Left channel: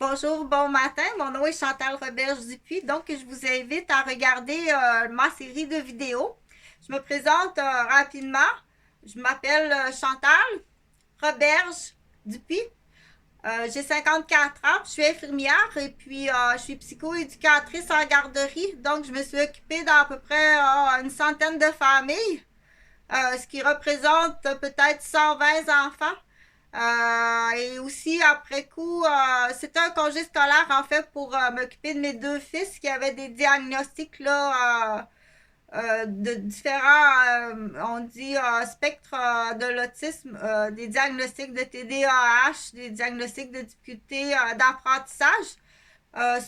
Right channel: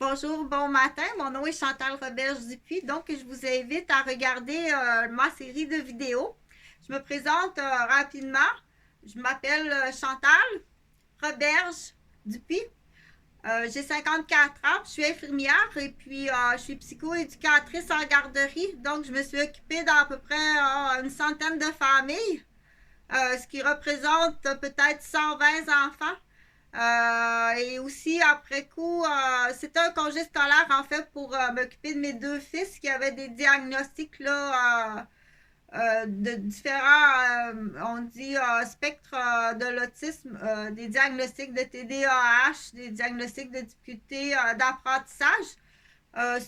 Bonjour, bon matin. Mon nom est Chantal Roberge-Dupuis. Donc, je vous invite à regarder ma série de vidéos. Je me présente rapidement. Je m'appelle Chantal Roberge-Dupuis. J'ai 54 ans. Je suis infirmière et puis je suis psychoéducatrice en garderie. Donc, je me suis occupée d'à peu près une centaine de familles, ce qui représente peut-être 120 enfants. Et aussi, après coup, c'était un congé scolaire, en fait, pour m'occuper de mes deux fils qui avaient des diagnostics là, de différents, on dit, spectres de l'autisme, des diagnostics de TDAH, des diagnostics de difficultés d'apprentissage,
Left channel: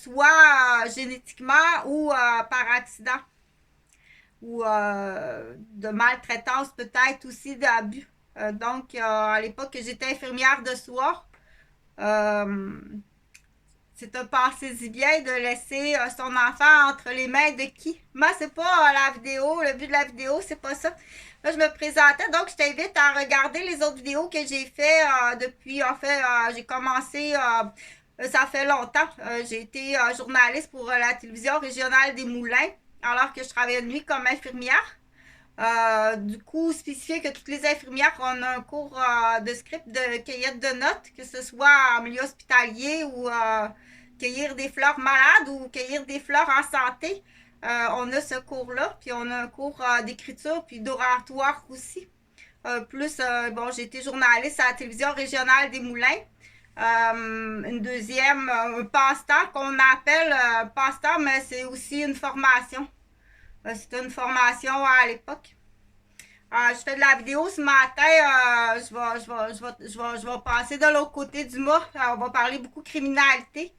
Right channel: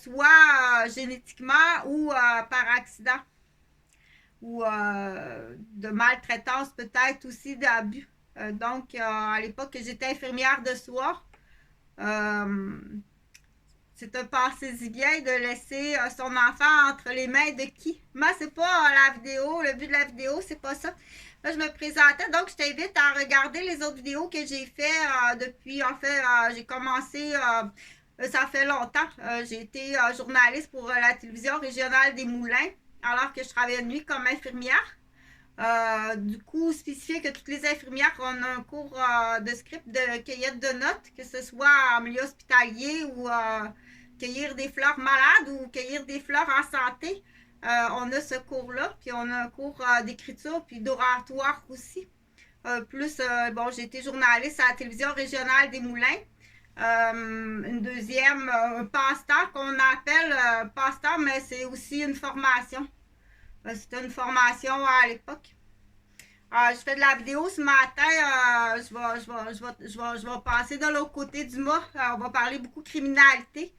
soit génétiquement ou par accident, ou de maltraitance peut-être aussi, d'abus. Donc, à l'époque, j'étais infirmière de soir. Euh, c'est un passé bien de laisser son enfant entre les mains de qui? Moi, c'est pas la vidéo, le but de la vidéo, c'est pas ça. Là, je me présentais, donc je t'invite à regarder les autres vidéos que j'ai fait depuis, en fait, j'ai commencé, ça fait longtemps. J'ai été journaliste pour la télévision régionale des Moulins, alors que je travaillais de nuit comme infirmière. Du coup, spécifier que toutes les infirmières ont un cours de script de cueillette de notes, que ce soit en milieu hospitalier ou cueillir des fleurs malades ou cueillir des fleurs en santé. On a ce cours-là, puis on a un cours d'écriture puis d'oratoire aussi. Bon, j'ai été journaliste à la télévision régionale des Moulins. Une deuxième, un passe-temps qu'on appelle passe-temps, mais c'est aussi une formation. C'était une formation à l'époque. Je fais de la vidéo ce matin. Je vais passer de l'autre côté du mât. On va parler beaucoup de criminalité.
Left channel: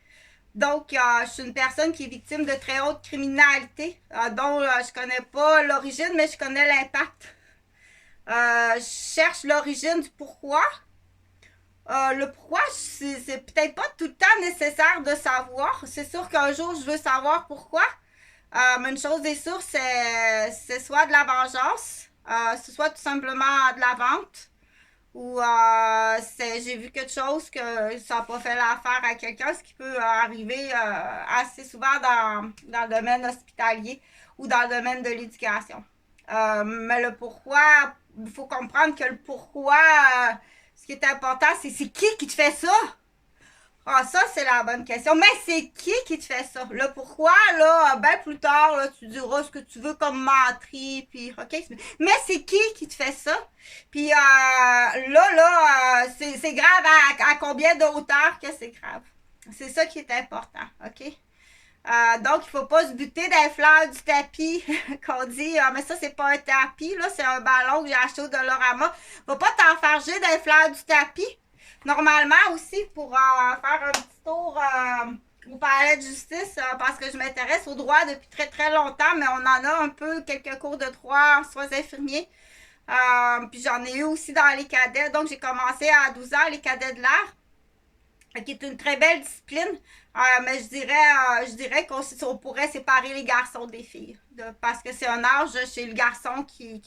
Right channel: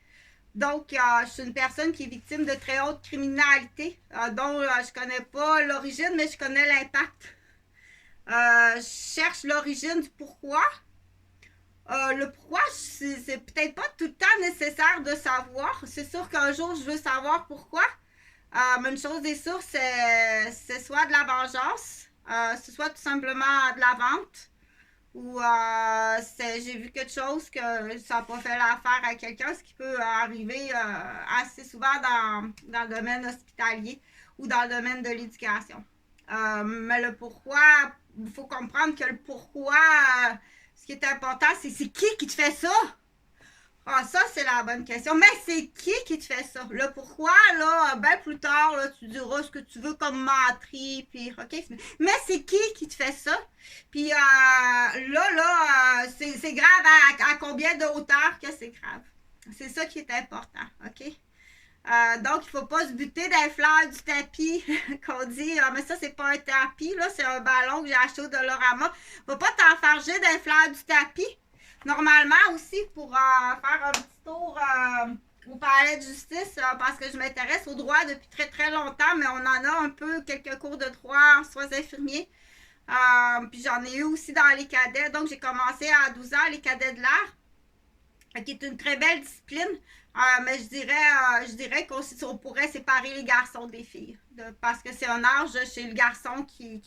Donc, je suis une personne qui est victime de très haute criminalité, dont je connais pas l'origine, mais je connais l'impact. Je cherche l'origine du pourquoi. Le pourquoi, c'est peut-être pas tout le temps nécessaire de savoir. C'est sûr qu'un jour, je veux savoir pourquoi. Mais une chose est sûre, c'est soit de la vengeance, c'est soit tout simplement de la vente, ou j'ai vu quelque chose que ça n'a pas fait l'affaire à quelqu'un, ce qui peut arriver assez souvent dans le domaine hospitalier ou dans le domaine de l'éducation. Mais le pourquoi, il faut comprendre que le pourquoi, ce qui est important, c'est qui te fait ça? Ah, ça, c'est la bonne question. Mais c'est qui te fait ça? Là, pourquoi, là, ben plus tard, là, tu diras ce que tu veux comme menterie, puis, OK? Mais c'est qui te fait ça? Puis, c'est grave à combien de hauteur que c'est grave? C'est ça qui est important, OK? Donc, il faut pas se buter d'un fleur du tapis qu'on dit, ah, mais ça, c'est pas un tapis, là, c'est un ballon que j'ai acheté au Dolorama. Faut pas t'enfarger d'un fleur du tapis. Normalement aussi, pour faire un petit tour au palais de justice, parce que je m'intéresse au droit depuis très très longtemps, mais on en a un peu quelques cours de droit en soins infirmiers. Puis j'en ai eu aussi dans les cadets. Donc, j'ai commencé à 12 ans, les cadets de l'art, qui est une très belle discipline. Mais je dirais qu'on pourrait séparer les garçons des filles. Parce que c'est un âge chez le garçon qui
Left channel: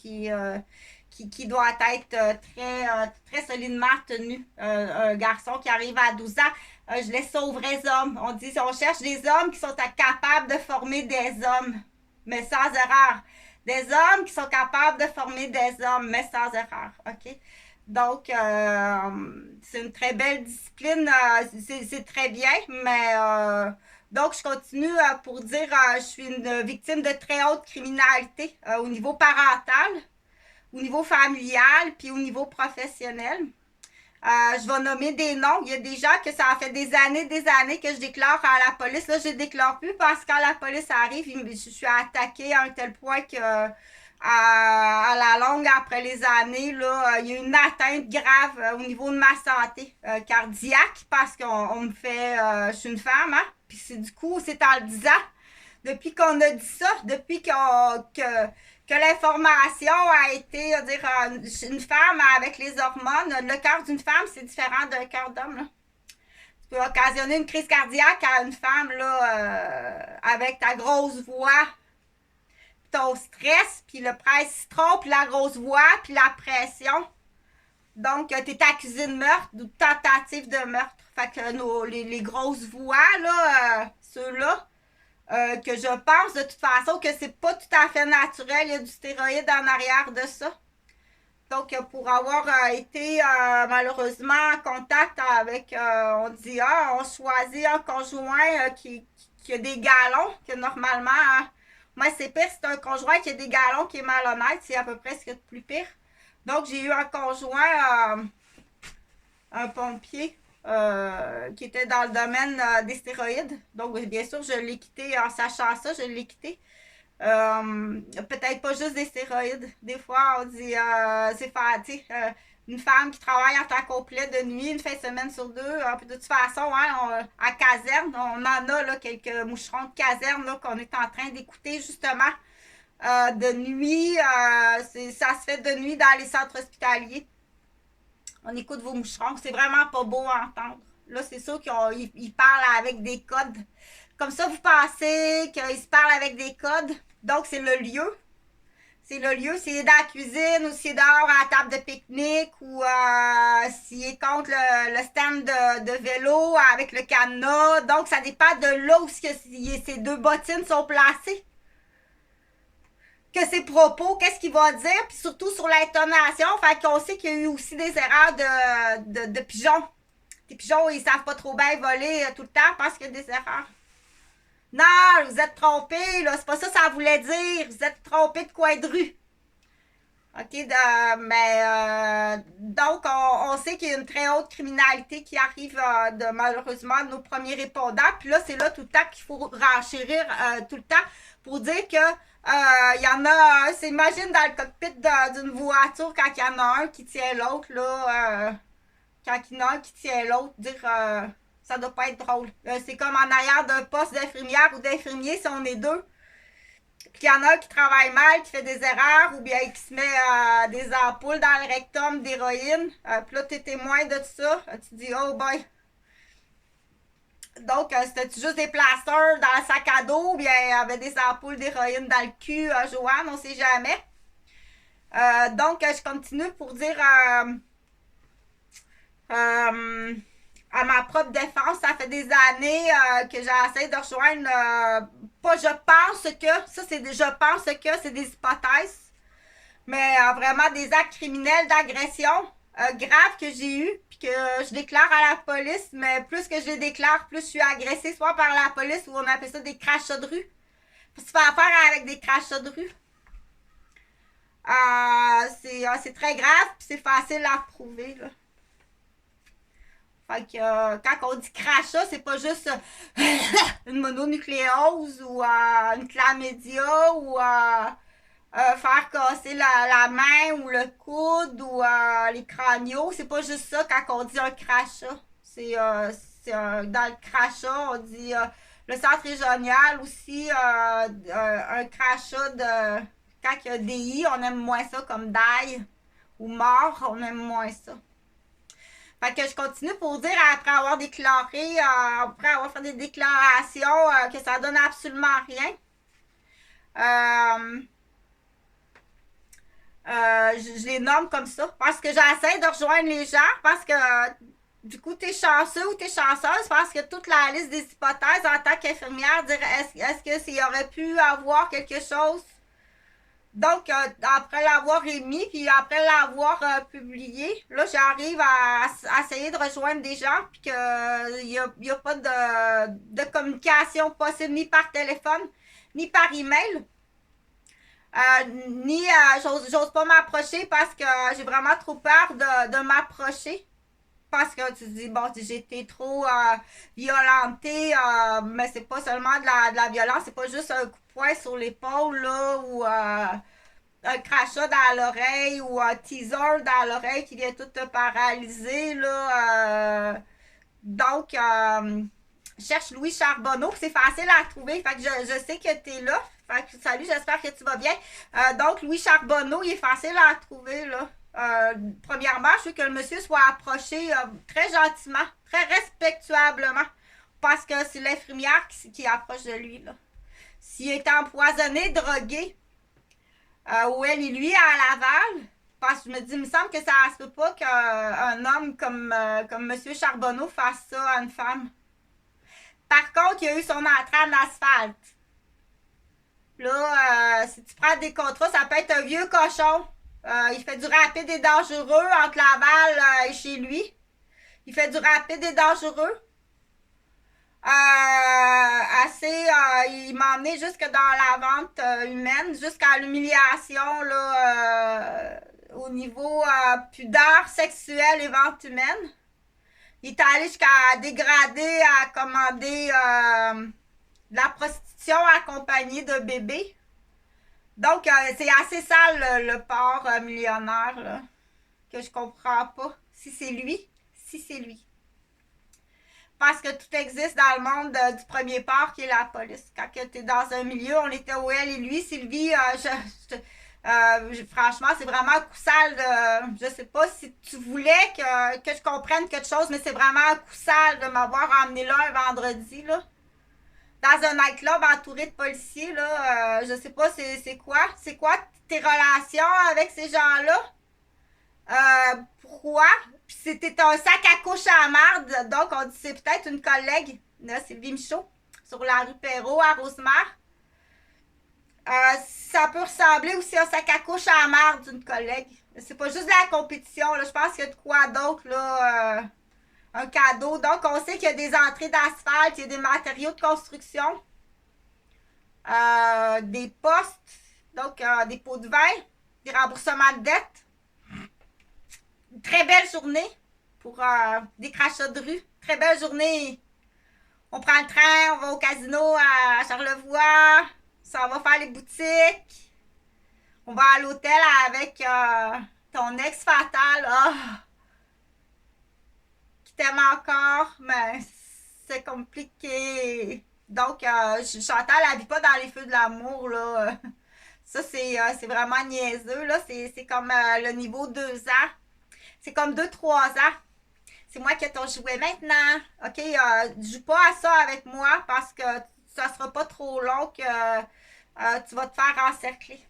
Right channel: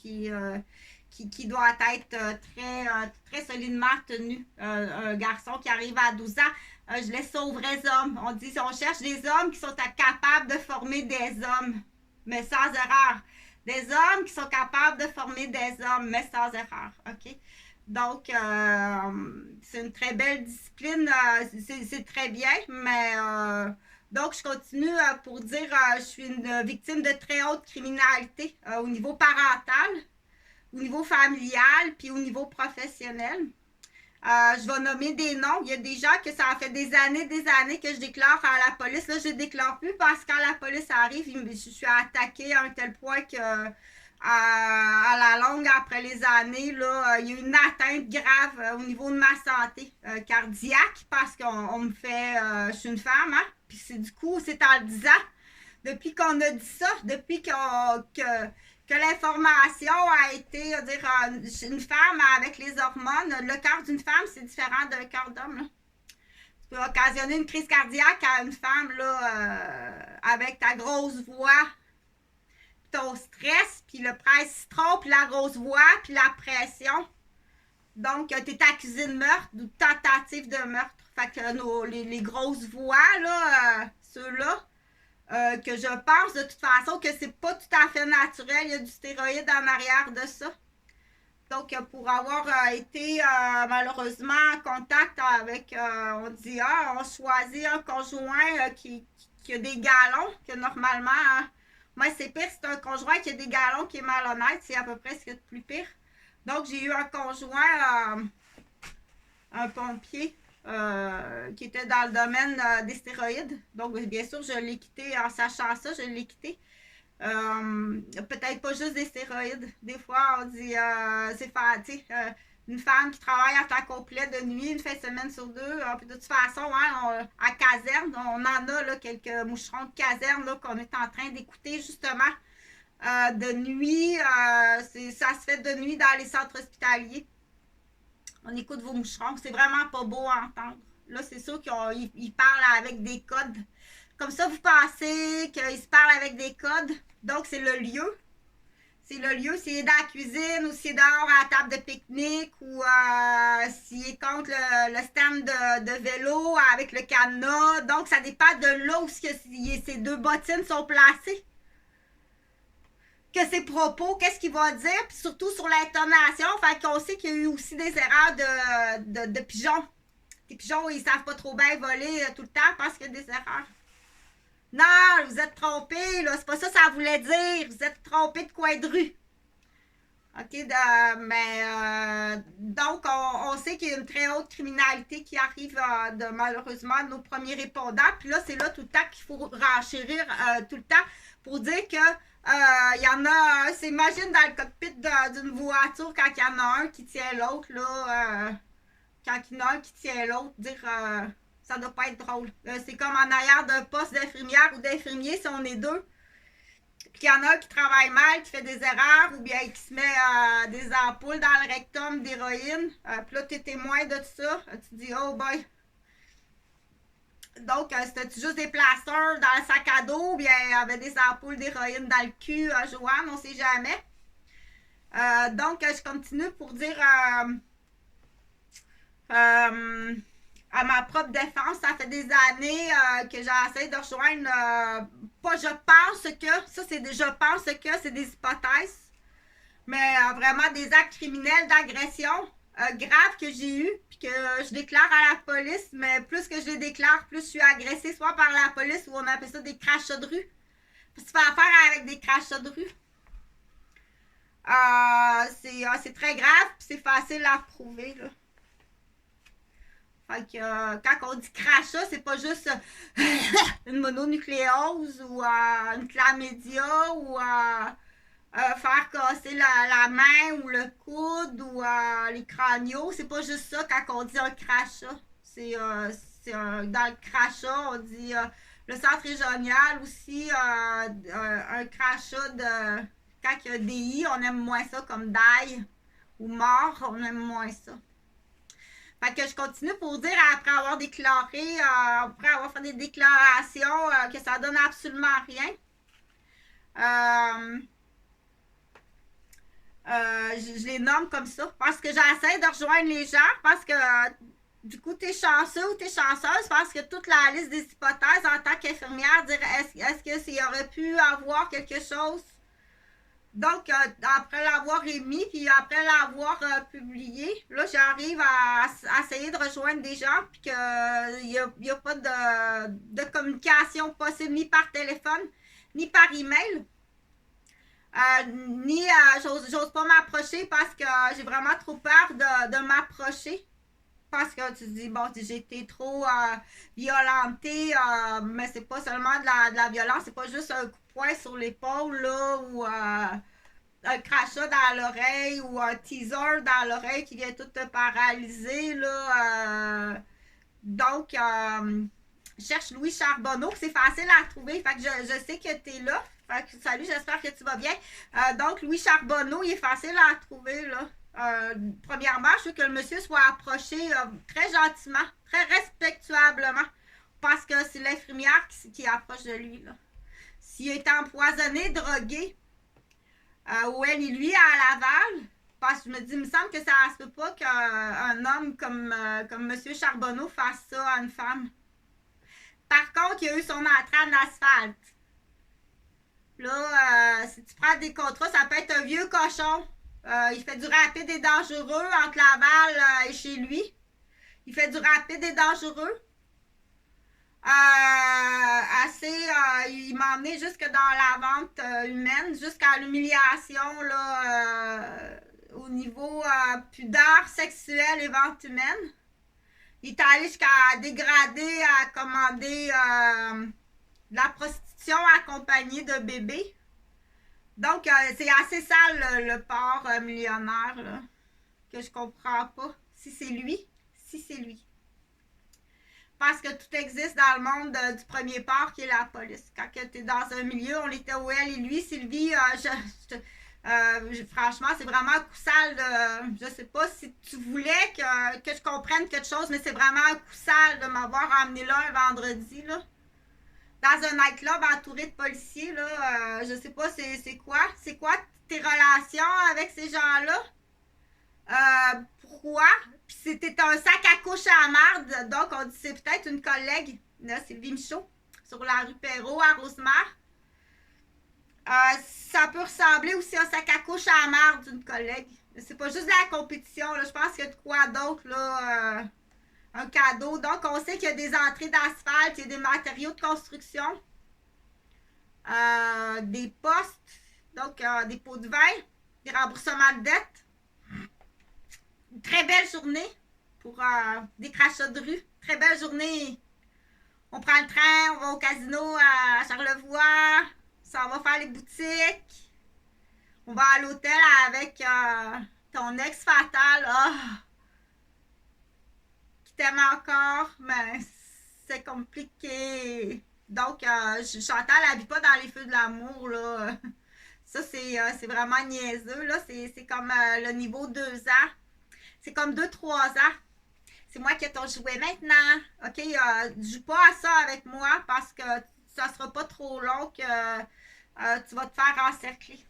doit être très solidement tenu. Un garçon qui arrive à 12 ans, je laisse ça aux vrais hommes. On cherche des hommes qui sont capables de former des hommes, mais sans erreur. Des hommes qui sont capables de former des hommes, mais sans erreur. OK? Donc, c'est une très belle discipline. C'est très bien, mais donc, je continue pour dire je suis une victime de très haute criminalité au niveau parental, au niveau familial, puis au niveau professionnel. Je vais nommer des noms. Il y a des gens que ça a fait des années que je déclare à la police. Là, je ne déclare plus parce que quand la police arrive, je suis attaquée à un tel point que à la longue, après les années, là, il y a une atteinte grave au niveau de ma santé cardiaque parce qu'on me fait... je suis une femme, hein? Puis du coup, c'est en le disant, depuis qu'on a dit ça, depuis que l'information a été, une femme avec les hormones, le cœur d'une femme, c'est différent d'un cœur d'homme. Là. Tu peux occasionner une crise cardiaque à une femme là, avec ta grosse voix, ton stress, puis le presse citron, puis la grosse voix, puis la pression. Donc, tu es accusé de meurtre ou de tentative de meurtre. Fait que les grosses voix, là, ceux-là, que je pense de toute façon que c'est pas tout à fait naturel. Il y a du stéroïde en arrière de ça. Donc, pour avoir été malheureusement en contact avec, on dit, on choisit un conjoint qui a des galons, que normalement, moi c'est pire, c'est un conjoint qui a des galons qui est malhonnête, c'est à peu près ce qu'il y a de plus pire. Donc, j'ai eu un conjoint, un pompier, qui était dans le domaine des stéroïdes. Donc, bien sûr, je l'ai quitté en sachant ça, je l'ai quitté. Peut-être pas juste des stéroïdes. Des fois, on dit c'est une femme qui travaille à temps complet de nuit, une fin de semaine sur deux. Puis de toute façon, à caserne, on en a là, quelques moucherons de caserne là, qu'on est en train d'écouter justement de nuit. Ça se fait de nuit dans les centres hospitaliers. On écoute vos moucherons. C'est vraiment pas beau à entendre. Là, c'est sûr qu'ils parlent avec des codes. Comme ça, vous pensez qu'ils se parlent avec des codes. Donc, c'est le lieu. C'est le lieu. S'il est dans la cuisine ou s'il est dehors à la table de pique-nique ou s'il est contre le stand de vélo avec le cadenas. Donc, ça dépend de là où ces deux bottines sont placées. Que ses propos, qu'est-ce qu'il va dire, puis surtout sur l'intonation. Fait qu'on sait qu'il y a eu aussi des erreurs de pigeons. Les pigeons, ils savent pas trop bien voler tout le temps parce qu'il y a des erreurs. Non, vous êtes trompé, là, c'est pas ça que ça voulait dire. Vous êtes trompé de coin de rue. OK, mais donc, on sait qu'il y a une très haute criminalité qui arrive malheureusement de nos premiers répondants. Puis là, c'est là tout le temps qu'il faut renchérir tout le temps pour dire que il y en a, imagine dans le cockpit d'une voiture quand il y en a un qui tient l'autre, là, quand il y en a un qui tient l'autre, dire ça doit pas être drôle. C'est comme en arrière d'un poste d'infirmière ou d'infirmier si on est deux. Puis il y en a un qui travaille mal, qui fait des erreurs, ou bien qui se met des ampoules dans le rectum d'héroïne. Puis là, tu es témoin de tout ça. Tu dis, oh boy. Donc, c'était juste des plasters dans le sac à dos, ou bien il y avait des ampoules d'héroïne dans le cul, Joanne, on sait jamais. Donc, je continue pour dire à ma propre défense, ça fait des années que j'essaie de rejoindre pas je pense que, ça c'est je pense que c'est des hypothèses, mais vraiment des actes criminels d'agression graves que j'ai eu, puis que je déclare à la police, mais plus que je les déclare, plus je suis agressée, soit par la police ou on appelle ça des crachats de rue. Parce que tu fais affaire avec des crachats de rue. C'est très grave, puis c'est facile à prouver, là. Fait que quand on dit crachat, c'est pas juste une mononucléose ou une chlamydia ou faire casser la main ou le coude ou les craniaux. C'est pas juste ça quand on dit un crachat. Dans le crachat, on dit le centre régional aussi, un crachat de. Quand il y a des I, on aime moins ça comme d'ail ou mort, on aime moins ça. Fait que je continue pour dire, après avoir déclaré, après avoir fait des déclarations, que ça donne absolument rien. Je les nomme comme ça parce que j'essaie de rejoindre les gens parce que du coup, t'es chanceux ou t'es chanceuse parce que toute la liste des hypothèses en tant qu'infirmière, dire est-ce que s'il aurait pu avoir quelque chose. Donc, après l'avoir émis, puis après l'avoir publié, là, j'arrive à essayer de rejoindre des gens, puis qu'il n'y a pas de communication possible ni par téléphone, ni par email. Ni j'ose pas m'approcher parce que j'ai vraiment trop peur de m'approcher. Parce que tu te dis, bon, j'ai été trop violentée, mais c'est pas seulement de la violence, c'est pas juste un coup de poing sur l'épaule, là, ou un crachat dans l'oreille ou un teaser dans l'oreille qui vient tout te paralyser, là. Donc, je cherche Louis Charbonneau, c'est facile à trouver, fait que je sais que tu es là. Fait que, salut, j'espère que tu vas bien. Donc, Louis Charbonneau, il est facile à trouver, là. Premièrement, je veux que le monsieur soit approché très gentiment, très respectuablement, parce que c'est l'infirmière qui approche de lui, là. S'il est empoisonné, drogué, ou elle et lui à Laval, Parce que je me dis, il me semble que ça se peut pas qu'un homme comme M. Charbonneau fasse ça à une femme. Par contre, il a eu son entrée en asphalte. Là, si tu prends des contrats, ça peut être un vieux cochon. Il fait du rapide et dangereux entre Laval et chez lui. Il fait du rapide et dangereux. Il m'a emmené jusque dans la vente humaine, jusqu'à l'humiliation là, au niveau pudeur sexuelle et vente humaine. Il est allé jusqu'à dégrader, à commander de la prostitution accompagnée de bébés. Donc, c'est assez sale le porc millionnaire là, que je comprends pas. Si c'est lui. Parce que tout existe dans le monde du premier port qui est la police. Quand tu es dans un milieu, on était où elle et lui. Sylvie, franchement, c'est vraiment un coup sale. Je sais pas si tu voulais que je comprenne quelque chose, mais c'est vraiment un coup sale de m'avoir emmené là un vendredi. Là. Dans un nightclub entouré de policiers. Là, je sais pas c'est quoi. C'est quoi tes relations avec ces gens-là? Pourquoi? Puis c'était un sac à couche à marde, donc on dit c'est peut-être une collègue, là, Sylvie Michaud, sur la rue Perrault à Rosemère. Ça peut ressembler aussi à un sac à couche à marde d'une collègue. C'est pas juste de la compétition, là, je pense qu'il y a de quoi d'autre, là, un cadeau. Donc on sait qu'il y a des entrées d'asphalte, il y a des matériaux de construction, des postes, donc des pots de vin, des remboursements de dettes. Une très belle journée pour des crachats de rue. Très belle journée. On prend le train, on va au casino à Charlevoix. Ça, on va faire les boutiques. On va à l'hôtel avec ton ex fatal. Qui t'aime encore, mais c'est compliqué. Donc, Chantal n'habite pas dans les feux de l'amour, là. Ça, c'est vraiment niaiseux, là. C'est comme le niveau 2 ans. C'est comme 2-3 ans. C'est moi qui ai ton jouet maintenant. OK, joue pas à ça avec moi parce que ça sera pas trop long que tu vas te faire encercler.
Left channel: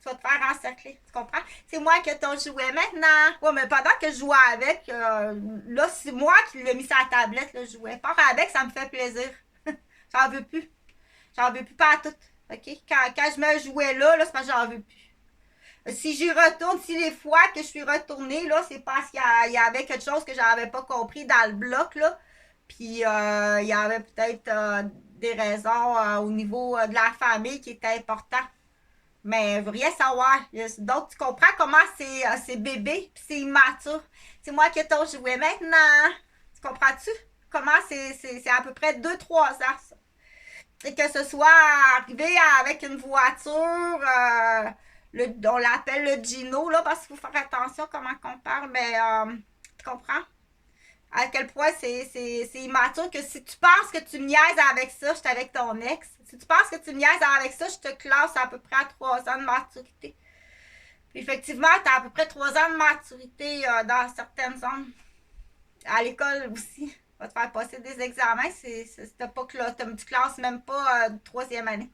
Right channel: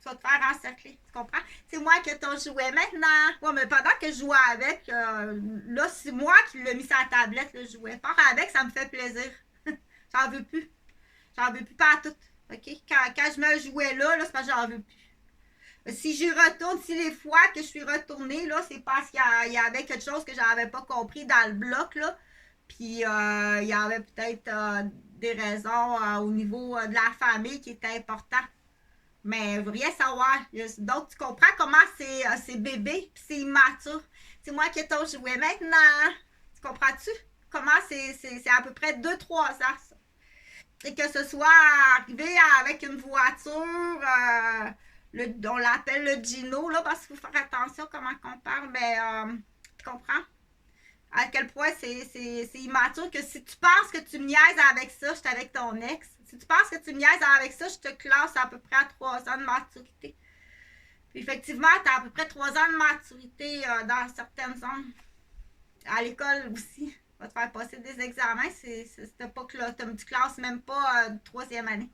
Tu comprends? C'est moi qui ai ton jouet maintenant. Ouais, mais pendant que je jouais avec, là, c'est moi qui l'ai mis sur la tablette, le jouet. Pas avec, ça me fait plaisir. J'en veux plus. J'en veux plus pas à tout. OK? Quand je me jouais là, c'est parce que j'en veux plus. Si j'y retourne, si les fois que je suis retournée, là, c'est parce qu'il y avait quelque chose que j'avais pas compris dans le bloc, là. Puis, il y avait peut-être des raisons au niveau de la famille qui étaient importantes. Mais je veux rien savoir. Donc, tu comprends comment c'est bébé, puis c'est immature. C'est moi qui ai ton jouet maintenant. Tu comprends-tu? Comment c'est à peu près 2-3 ans, ça. Et que ce soit arrivé avec une voiture... on l'appelle le Gino, là, parce qu'il faut faire attention comment on parle, mais tu comprends? À quel point c'est immature que si tu penses que tu me niaises avec ça, je suis avec ton ex. Si tu penses que tu me niaises avec ça, je te classe à peu près à 3 ans de maturité. Puis effectivement, tu as à peu près 3 ans de maturité dans certaines zones. À l'école aussi. On va te faire passer des examens. C'est cette époque-là. Tu classes même pas de 3e année.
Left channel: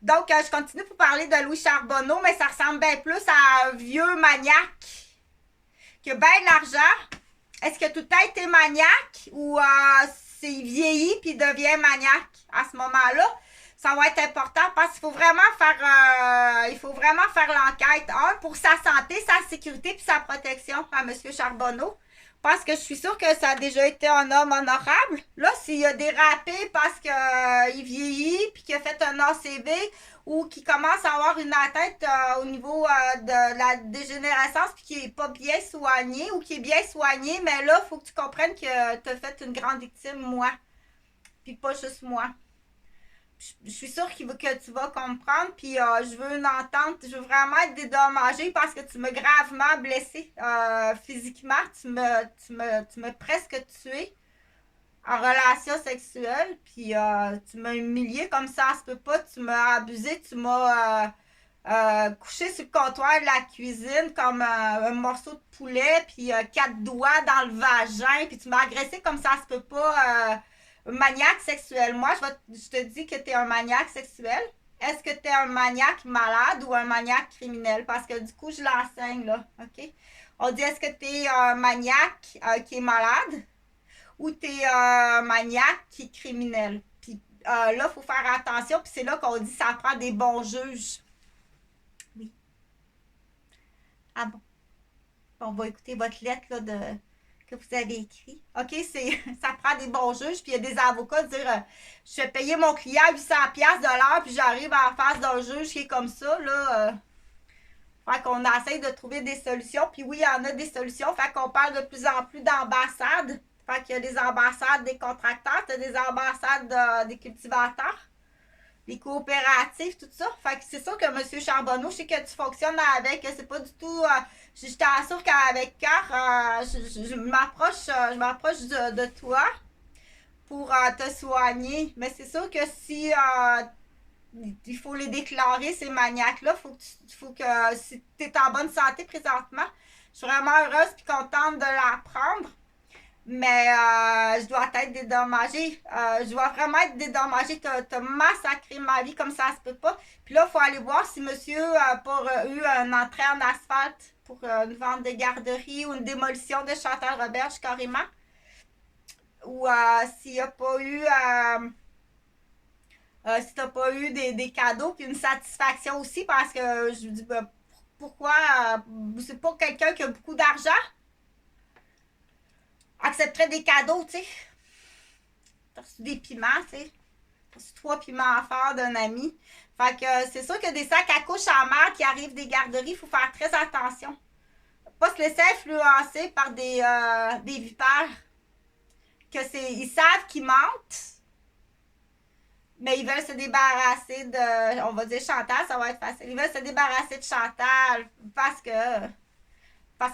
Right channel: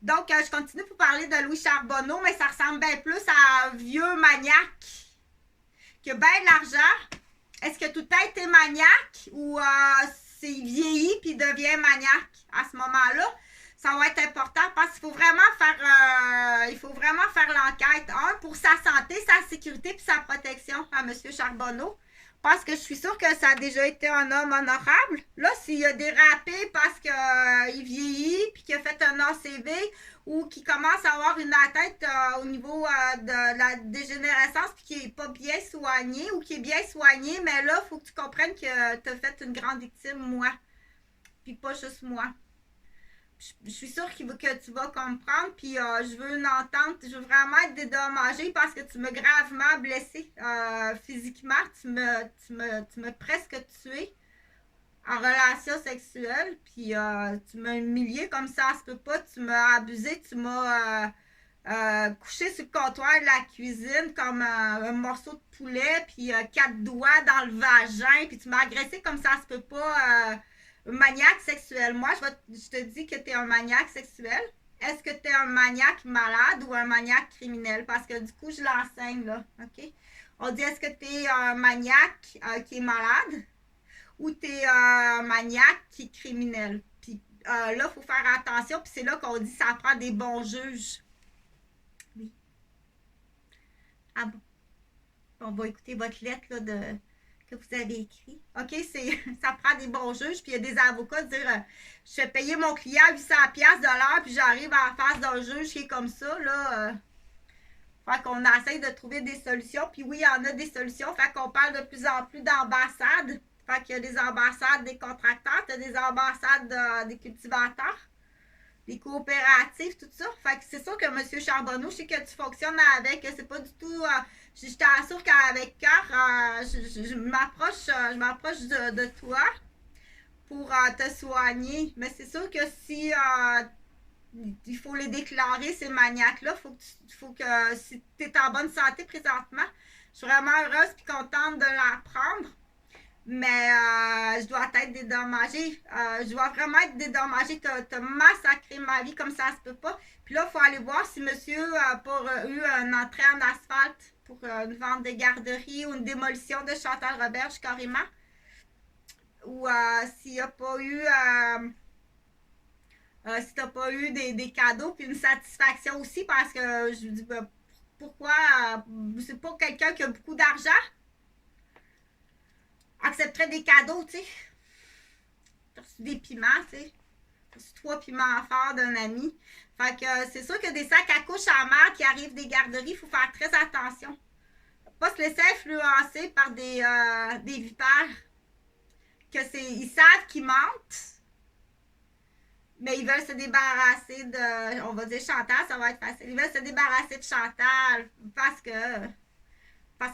Donc, je continue pour parler de Louis Charbonneau, mais ça ressemble bien plus à un vieux maniaque qui a bien de l'argent. Est-ce que tout le temps été maniaque ou c'est vieilli puis devient maniaque à ce moment-là? Ça va être important parce qu'il faut vraiment faire l'enquête. Pour sa santé, sa sécurité puis sa protection à M. Charbonneau. Parce que je suis sûre que ça a déjà été un homme honorable. Là, s'il a dérapé parce qu'il vieillit puis qu'il a fait un ACV ou qu'il commence à avoir une atteinte au niveau de la dégénérescence puis qu'il n'est pas bien soigné ou qu'il est bien soigné, mais là, il faut que tu comprennes que tu as fait une grande victime, moi. Puis pas juste moi. Je suis sûre que tu vas comprendre, puis je veux une entente, je veux vraiment être dédommagée parce que tu m'as gravement blessée physiquement, tu m'as presque tuée en relation sexuelle, puis tu m'as humiliée comme ça se peut pas, tu m'as abusée, tu m'as couché sur le comptoir de la cuisine comme un morceau de poulet, puis 4 doigts dans le vagin, puis tu m'as agressée comme ça se peut pas... maniaque sexuel. Moi, je te dis que tu es un maniaque sexuel. est-ce que tu es un maniaque malade ou un maniaque criminel? Parce que du coup, je l'enseigne, là, OK? On dit, est-ce que tu es un maniaque qui est malade ou tu es un maniaque qui est criminel? Puis là, il faut faire attention, puis c'est là qu'on dit ça prend des bons juges. Oui. Ah bon? On va écouter votre lettre là, que vous avez écrite. OK, ça prend des bons juges, puis il y a des avocats dire je fais payer mon client 800$ de l'heure, puis j'arrive en face d'un juge qui est comme ça, là. Fait qu'on essaye de trouver des solutions, puis oui, il y en a des solutions. Fait qu'on parle de plus en plus d'ambassades. Fait qu'il y a des ambassades des contracteurs, il y a des ambassades des cultivateurs, des coopératives, tout ça. Fait que c'est sûr que M. Charbonneau, je sais que tu fonctionnes avec, c'est pas du tout. Je t'assure qu'avec cœur, je m'approche de toi pour te soigner. Mais c'est sûr que si il faut les déclarer, ces maniaques-là, faut que si tu es en bonne santé présentement, je suis vraiment heureuse et contente de l'apprendre. Mais je dois être dédommagée. Je dois vraiment être dédommagée. Tu as massacré ma vie comme ça se peut pas. Puis là, il faut aller voir si monsieur n'a pas eu un entrée en asphalte pour une vente de garderie ou une démolition de Chantal Roberge carrément. Ou s'il n'y a pas eu... si tu n'as pas eu des cadeaux, puis une satisfaction aussi, parce que je me dis, pourquoi c'est pas quelqu'un qui a beaucoup d'argent accepterait des cadeaux, tu sais. T'as reçu des piments, tu sais. T'as reçu 3 piments forts d'un ami. Fait que c'est sûr que des sacs à couches en mer qui arrivent des garderies, il faut faire très attention. Pas se laisser influencer par des vipères. Ils savent qu'ils mentent, mais ils veulent se débarrasser de, on va dire Chantal, ça va être facile. Ils veulent se débarrasser de Chantal parce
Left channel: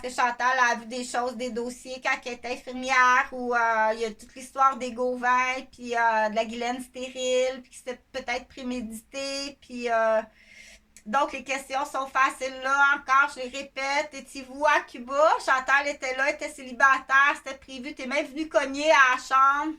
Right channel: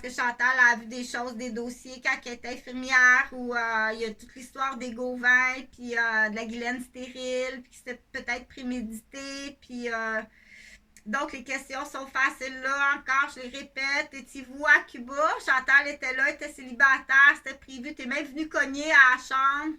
que Chantal a vu des choses, des dossiers quand elle était infirmière, où il y a toute l'histoire des Gauvin, puis de la Guylaine stérile, puis que c'était peut-être prémédité, puis donc les questions sont faciles là, encore, je les répète. Étiez-vous à Cuba? Chantal était là, était célibataire, c'était prévu, t'es même venu cogner à la chambre.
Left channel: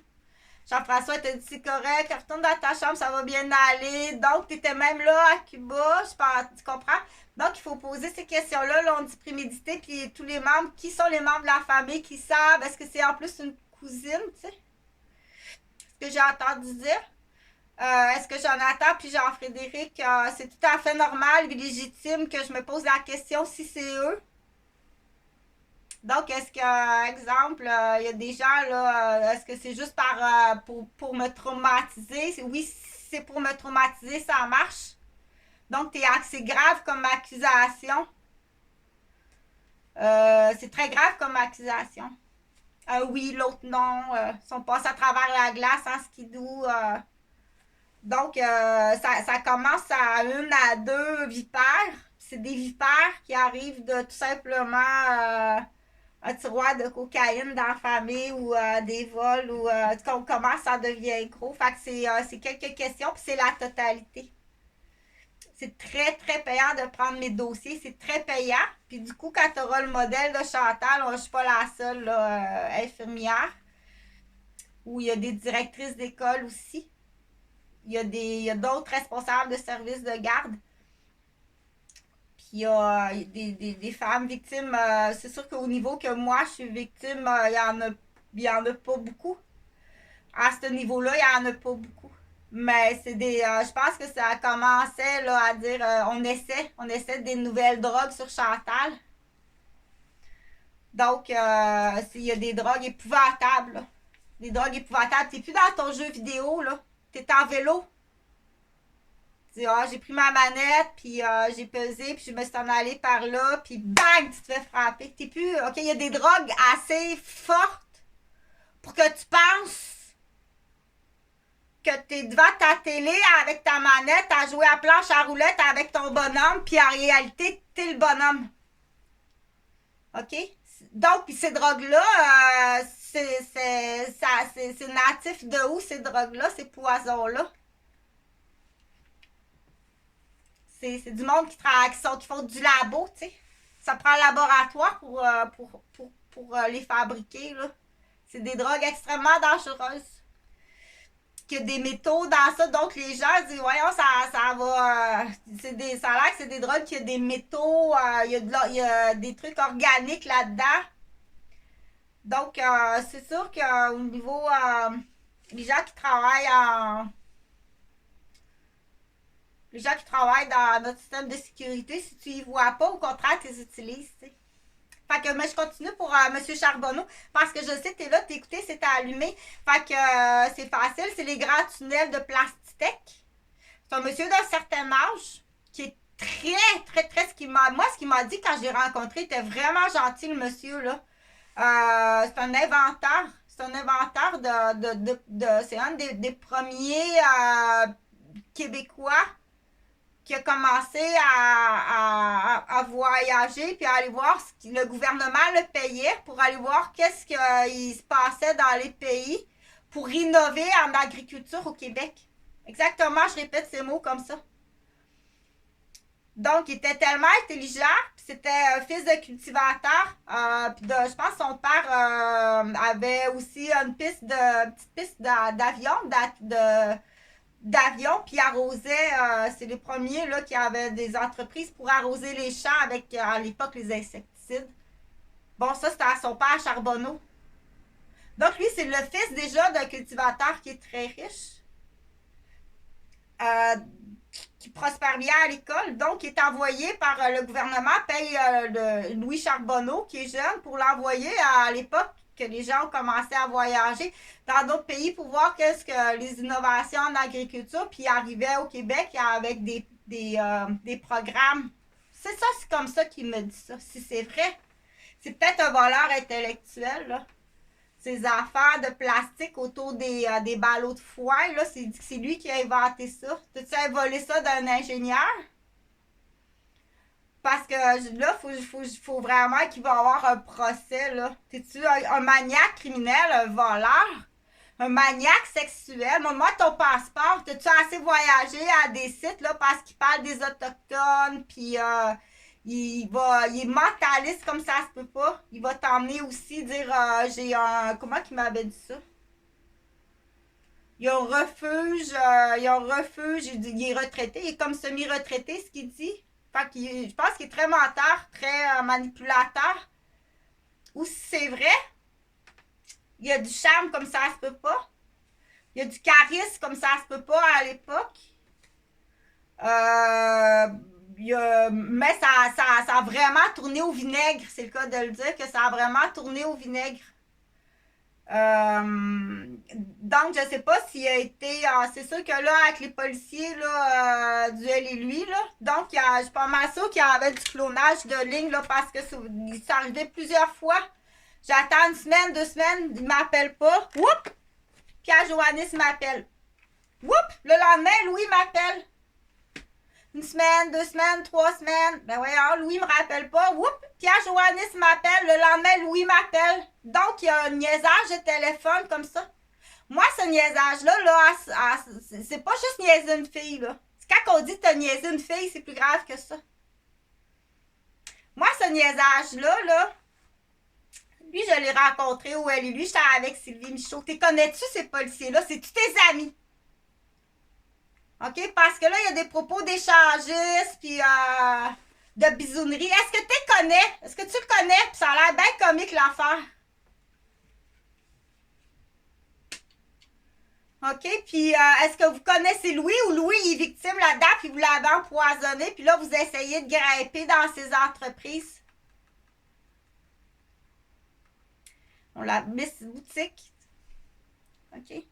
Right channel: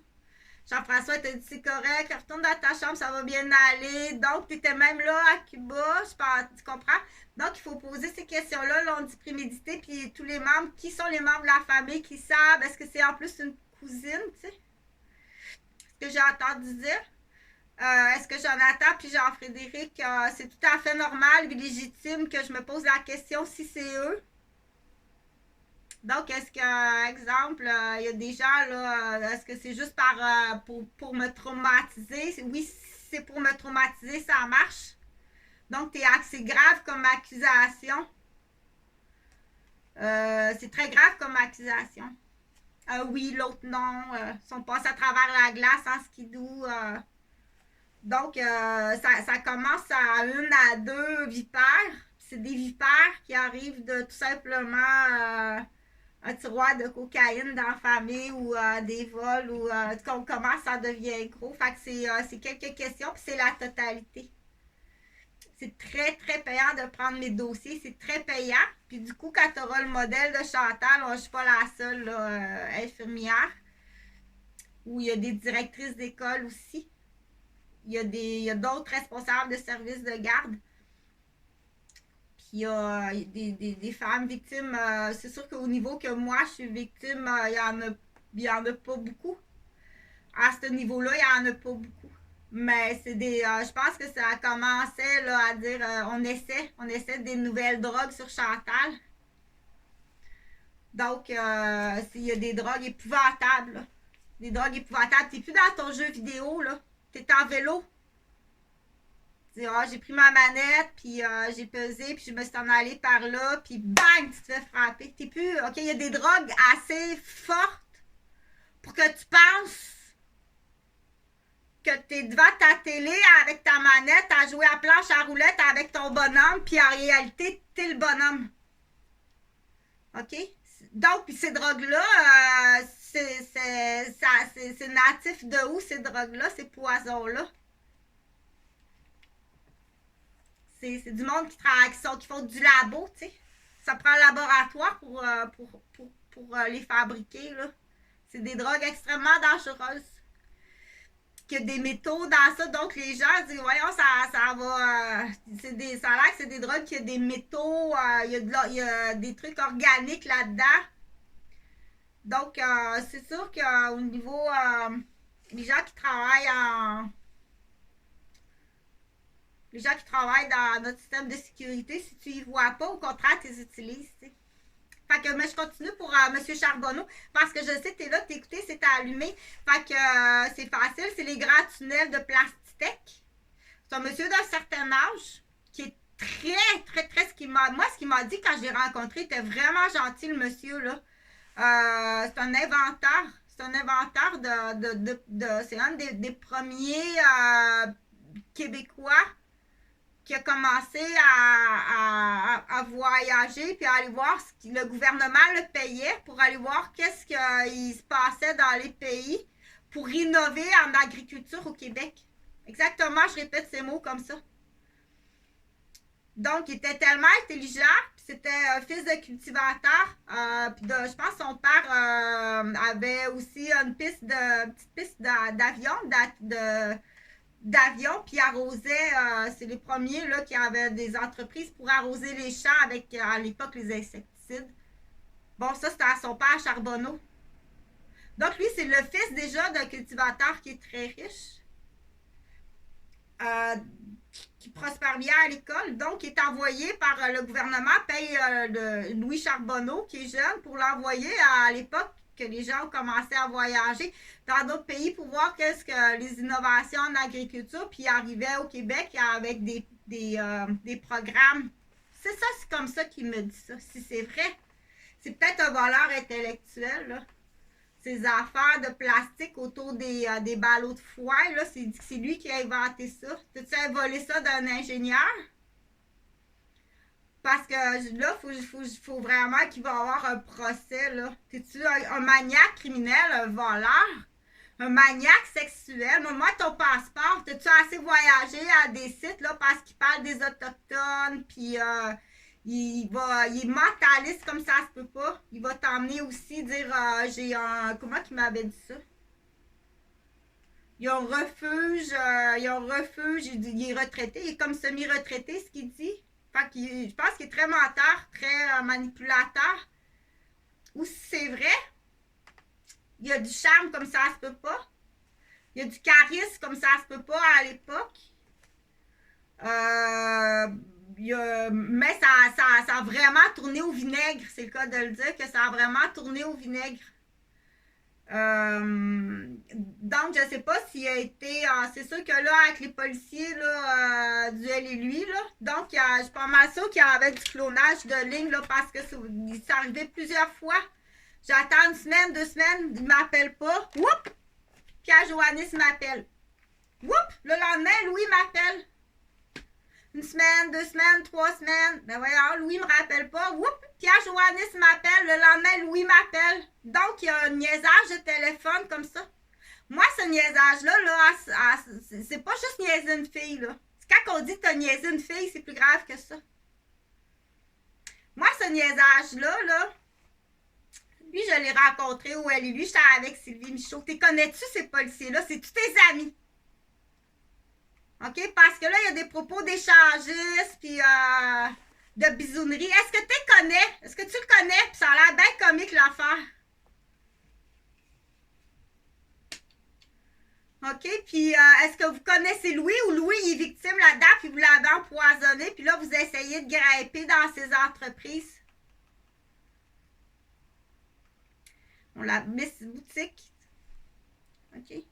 Jean-François t'a dit c'est correct, retourne dans ta chambre, ça va bien aller. Donc, tu étais même là à Cuba, je pense, tu comprends? Donc, il faut poser ces questions-là, là, on dit prémédité, puis tous les membres, qui sont les membres de la famille qui savent? Est-ce que c'est en plus une cousine, tu sais? Ce que j'ai entendu dire. Est-ce que Jonathan puis Jean-Frédéric, c'est tout à fait normal et légitime que je me pose la question si c'est eux? Donc, est-ce que, exemple, il y a des gens, là, est-ce que c'est juste pour me traumatiser? Oui, si c'est pour me traumatiser, ça marche. Donc, c'est grave comme accusation. C'est très grave comme accusation. Oui, l'autre non. Ils sont passés à travers la glace en skidoo. Donc, ça commence à 1 à 2 vipères. C'est des vipères qui arrivent de tout simplement un tiroir de cocaïne dans la famille ou des vols ou quand on commence, ça devient gros. Fait que c'est quelques questions, puis c'est la totalité. C'est très, très payant de prendre mes dossiers. C'est très payant. Puis du coup, quand tu auras le modèle de Chantal, je ne suis pas la seule là, infirmière, où il y a des directrices d'école aussi. Il y a d'autres responsables de services de garde. Puis il y a des femmes victimes. C'est sûr qu'au niveau que moi, je suis victime, il y en a pas beaucoup. À ce niveau-là, il n'y en a pas beaucoup. Mais je pense que ça commençait là, à dire on essaie des nouvelles drogues sur Chantal. Donc, il y a des drogues épouvantables. Là. Des drogues épouvantables. T'es plus dans ton jeu vidéo, là. T'es en vélo. J'ai pris ma manette, puis j'ai pesé, puis je me suis en allée par là, puis bang, tu te fais frapper. T'es plus. OK, il y a des drogues assez fortes pour que tu penses que tu es devant ta télé avec ta manette à jouer à planche à roulettes avec ton bonhomme, puis en réalité, tu es le bonhomme. OK? Donc, puis ces drogues-là, c'est natif de où, ces drogues-là, ces poisons-là? C'est du monde qui font du labo, tu sais. Ça prend un laboratoire pour les fabriquer, là. C'est des drogues extrêmement dangereuses. qu'il y a des métaux dans ça. Donc, les gens disent, voyons, ça va. Ça a l'air que c'est des drogues, qu'il y a des métaux, il y a des trucs organiques là-dedans. Donc, c'est sûr qu'au niveau. Les gens qui travaillent en. Les gens qui travaillent dans notre système de sécurité, si tu y vois pas, au contraire, tu les utilises, tu sais. Fait que, mais je continue pour M. Charbonneau, parce que je sais que tu es là, t'écouter, c'est allumé. Fait que c'est facile, c'est les grands tunnels de Plastitech. C'est un monsieur d'un certain âge qui est très, ce qu'il m'a dit quand je l'ai rencontré, il était vraiment gentil, le monsieur, là. C'est un inventeur. C'est un inventeur c'est un des premiers Québécois qui a commencé à voyager puis à aller voir ce que le gouvernement le payait pour aller voir qu'est-ce qui se passait dans les pays pour innover en agriculture au Québec. Exactement, je répète ces mots comme ça. Donc, il était tellement intelligent, puis c'était un fils de cultivateur. Je pense que son père avait aussi une petite piste d'avion, puis arrosait, c'est les premiers là, qui avaient des entreprises pour arroser les champs avec, à l'époque, les insecticides. Bon, ça, c'était à son père Charbonneau. Donc, lui, c'est le fils déjà d'un cultivateur qui est très riche, qui prospère bien à l'école. Donc, il est envoyé par le gouvernement, paye Louis Charbonneau, qui est jeune, pour l'envoyer à l'époque que les gens ont commencé à voyager dans d'autres pays pour voir qu'est-ce que les innovations en agriculture, puis ils arrivaient au Québec avec des programmes. C'est ça, c'est comme ça qu'il me dit ça. Si c'est vrai, c'est peut-être un voleur intellectuel, là. Ces affaires de plastique autour des ballots de foin, là, c'est lui qui a inventé ça. T'as-tu volé ça d'un ingénieur? Parce que là, faut vraiment qu'il va y avoir un procès, là. T'es-tu un maniaque criminel, un voleur? Un maniaque sexuel? Montre-moi ton passeport. T'as-tu assez voyagé à des sites, là, parce qu'il parle des Autochtones, puis il est mentaliste comme ça se peut pas. Il va t'emmener aussi dire, j'ai un... Comment qu'il m'avait dit ça? Il y a un refuge, il est retraité, il est comme semi-retraité, ce qu'il dit. Fait que je pense qu'il est très menteur, très manipulateur. Ou si c'est vrai, il y a du charme comme ça se peut pas. Il y a du charisme comme ça se peut pas à l'époque. Mais ça a vraiment tourné au vinaigre, c'est le cas de le dire, que ça a vraiment tourné au vinaigre. Donc, je sais pas s'il a été... c'est sûr que là, avec les policiers là, du elle et lui, là, donc je suis pas mal sûre qu'il y avait du clonage de ligne, là, parce que ça arrivait plusieurs fois. J'attends une semaine, 2 semaines, il m'appelle pas. Whoop! Pierre Joannis m'appelle. Whoop! Le lendemain, Louis m'appelle. 1 semaine, 2 semaines, 3 semaines. Ben voyons, Louis me rappelle pas. Whoop! Pierre Joannis m'appelle. Le lendemain, Louis m'appelle. Donc, il y a un niaisage de téléphone comme ça. Moi, ce niaisage-là, là, c'est pas juste niaiser une fille, là. Quand on dit que t'as niaisé une fille, c'est plus grave que ça. Moi, ce niaisage-là, là, lui, je l'ai rencontré où elle et lui. J'étais avec Sylvie Michaud. T'es connais-tu ces policiers-là? C'est tous tes amis. OK? Parce que là, il y a des propos d'échangistes, puis de bisounerie. Est-ce que tu le connais? Est-ce que tu le connais? Puis ça a l'air bien comique, l'affaire. OK? Puis est-ce que vous connaissez Louis ou Louis est victime là-dedans, puis vous l'avez empoisonné, puis là, vous essayez de grimper dans ses entreprises? On la Miss Boutique. OK? Puis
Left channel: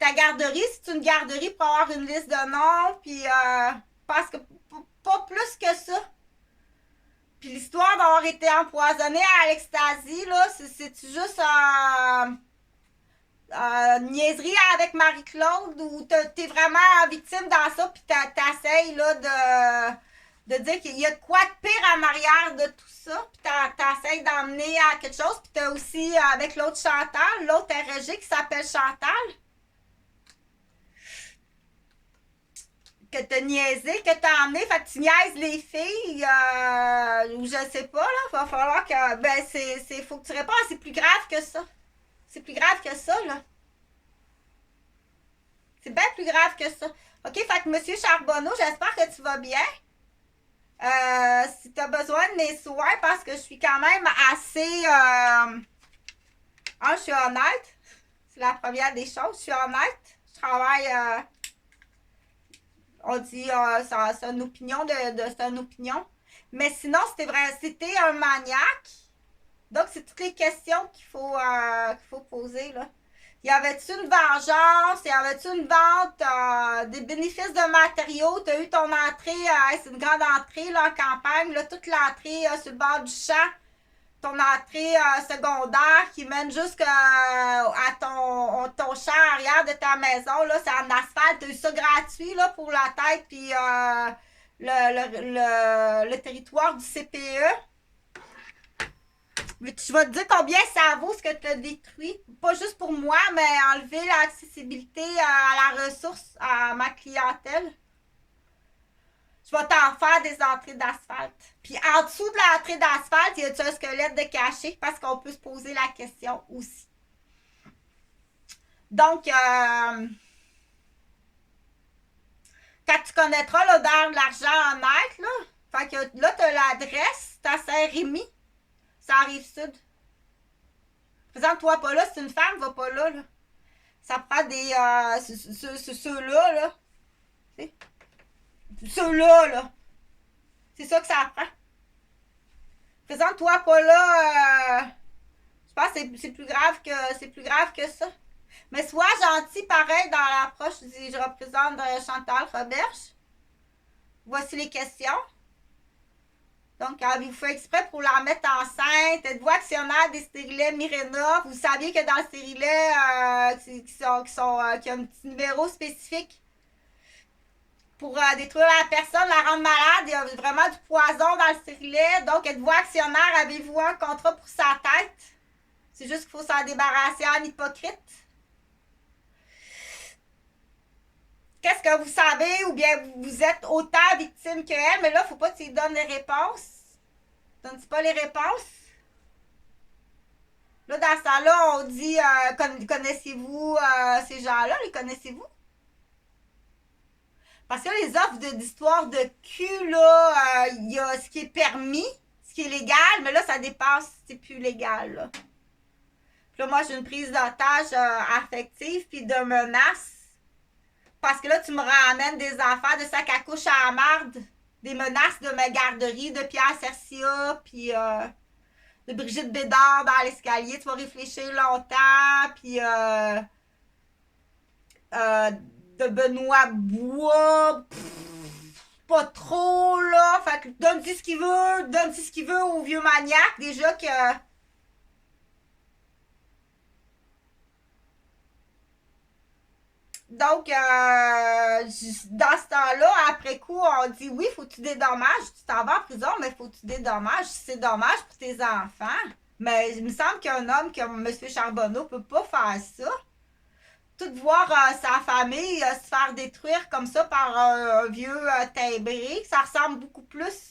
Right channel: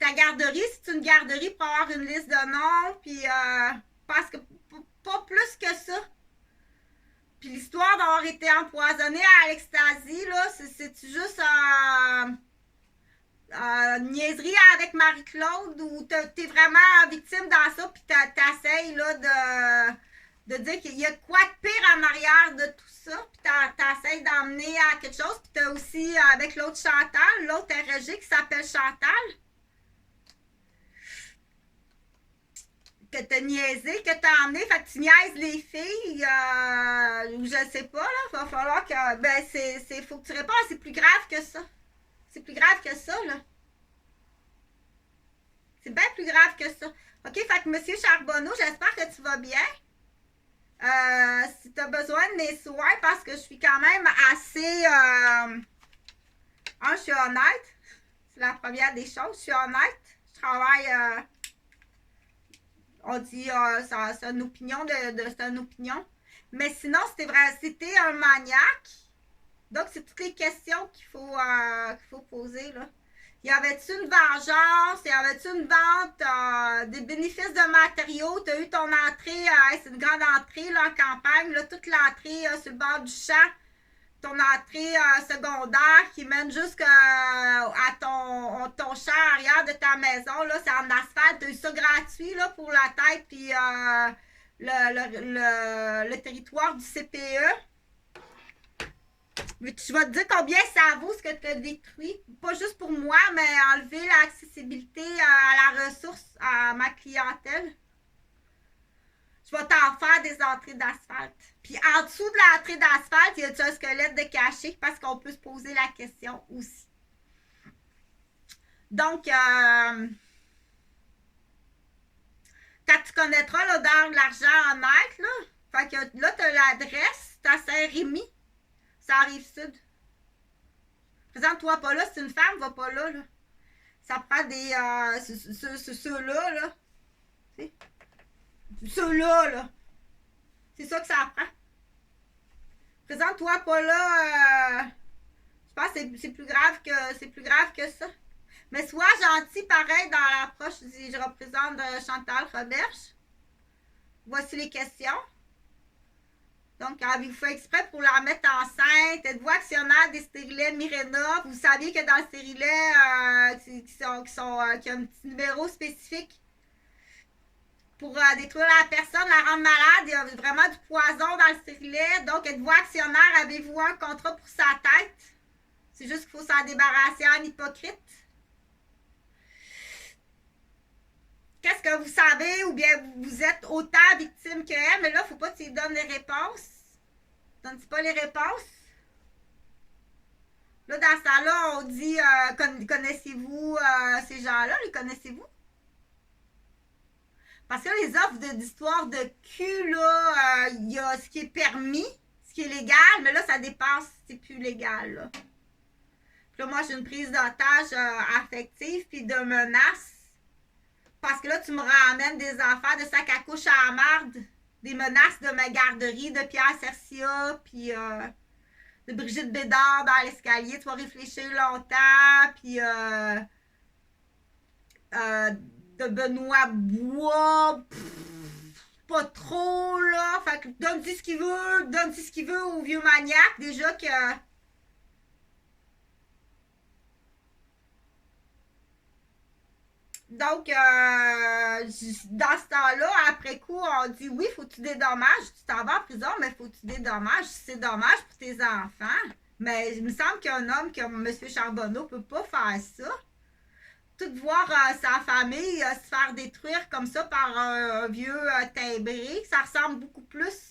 ta garderie, c'est une garderie pour avoir une liste de noms, puis parce que pas plus que ça. Puis l'histoire d'avoir été empoisonné à l'ecstasy, là, c'est juste niaiserie avec Marie-Claude ou t'es vraiment victime dans ça, puis t'essayes là de dire qu'il y a de quoi de pire en arrière de tout ça, puis t'essayes d'emmener à quelque chose, puis t'as aussi avec l'autre Chantal, l'autre RG qui s'appelle Chantal, que t'as niaisé, que t'as emmené, fait que tu niaises les filles, ou je sais pas, là, va falloir que, ben, faut que tu réponds, c'est plus grave que ça. C'est plus grave que ça, là. plus grave que ça. OK, fait que M. Charbonneau, j'espère que tu vas bien. Si tu as besoin de mes soins, parce que je suis quand même assez... je suis honnête. C'est la première des choses. Je suis honnête. Je travaille... on dit c'est une opinion c'est une opinion. Mais sinon, si t'es un maniaque, donc c'est toutes les questions qu'il faut poser, là. Y avait-tu une vengeance? Y avait-tu une vente? Des bénéfices de matériaux? Tu as eu ton entrée, c'est une grande entrée là, en campagne, là, toute l'entrée sur le bord du champ, ton entrée secondaire qui mène jusqu'à ton champ arrière de ta maison, là, c'est en asphalte. Tu as eu ça gratuit là, pour la tête, puis le territoire du CPE. Mais tu vas te dire combien ça vaut ce que tu as détruit. Pas juste pour moi, mais enlever l'accessibilité à la ressource à ma clientèle. Je vais t'en faire des entrées d'asphalte. Puis en dessous de l'entrée d'asphalte, y a-t-il un squelette de caché? Parce qu'on peut se poser la question aussi. Donc, quand tu connaîtras l'odeur de l'argent en net, là, fait que là, tu as l'adresse, c'est à Saint-Rémy. Ça arrive sud. Présente-toi pas là, c'est une femme, va pas là, là. Ça prend des. Ceux-là, là. Ceux-là, là. C'est ça que ça prend. Présente-toi pas là. Je pense que c'est plus grave que ça. Mais sois gentil, pareil, dans l'approche. Je représente Chantal Roberge. Voici les questions. Donc, avez-vous fait exprès pour la mettre enceinte? Êtes-vous actionnaire des stérilets Mirena? Vous saviez que dans le stérilet, qui a un petit numéro spécifique pour détruire la personne, la rendre malade. Il y a vraiment du poison dans le stérilet. Donc, êtes-vous actionnaire? Avez-vous un contrat pour sa tête? C'est juste qu'il faut s'en débarrasser en hypocrite. Qu'est-ce que vous savez ou bien vous êtes autant victime qu'elle, mais là, il ne faut pas que tu lui donnes les réponses. Donne-tu pas les réponses? Là, dans ce temps-là, on dit connaissez-vous ces gens-là? Les connaissez-vous? Parce que les offres d'histoire de cul, là, il y a ce qui est permis, ce qui est légal, mais là, ça dépasse, c'est plus légal, là. Puis là, moi, j'ai une prise d'otage affective puis de menaces. Parce que là, tu me ramènes des enfants de sac à couche à la marde, des menaces de ma garderie, de Pierre Cercia, puis de Brigitte Bédard dans l'escalier. Tu vas réfléchir longtemps, puis de Benoît Bois, pas trop, là. Fait que donne-lui ce qu'il veut au vieux maniaque, déjà que... Donc, dans ce temps-là, après coup, on dit oui, faut que tu dédommages. Tu t'en vas en prison, mais faut que tu dédommages. C'est dommage pour tes enfants. Mais il me semble qu'un homme comme M. Charbonneau peut pas faire ça. Tout voir sa famille se faire détruire comme ça par un vieux timbré, ça ressemble beaucoup plus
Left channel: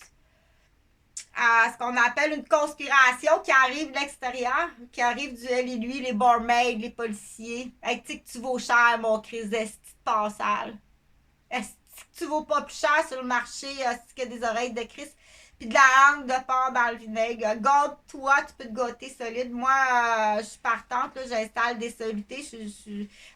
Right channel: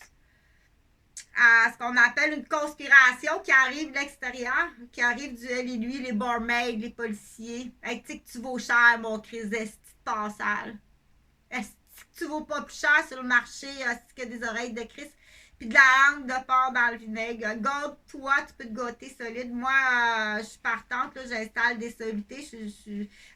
à ce qu'on appelle une conspiration qui arrive de l'extérieur, qui arrive du elle et lui, les barmaids, les policiers. Hey, tu sais que tu vaux cher, mon Christ, est-ce que tu passales? Est-ce que tu vaux pas plus cher sur le marché, est-ce que des oreilles de Christ? Puis de la langue de porc dans le vinaigre. Gâte-toi, tu peux te gâter solide. Moi, je suis partante, là, j'installe des solutés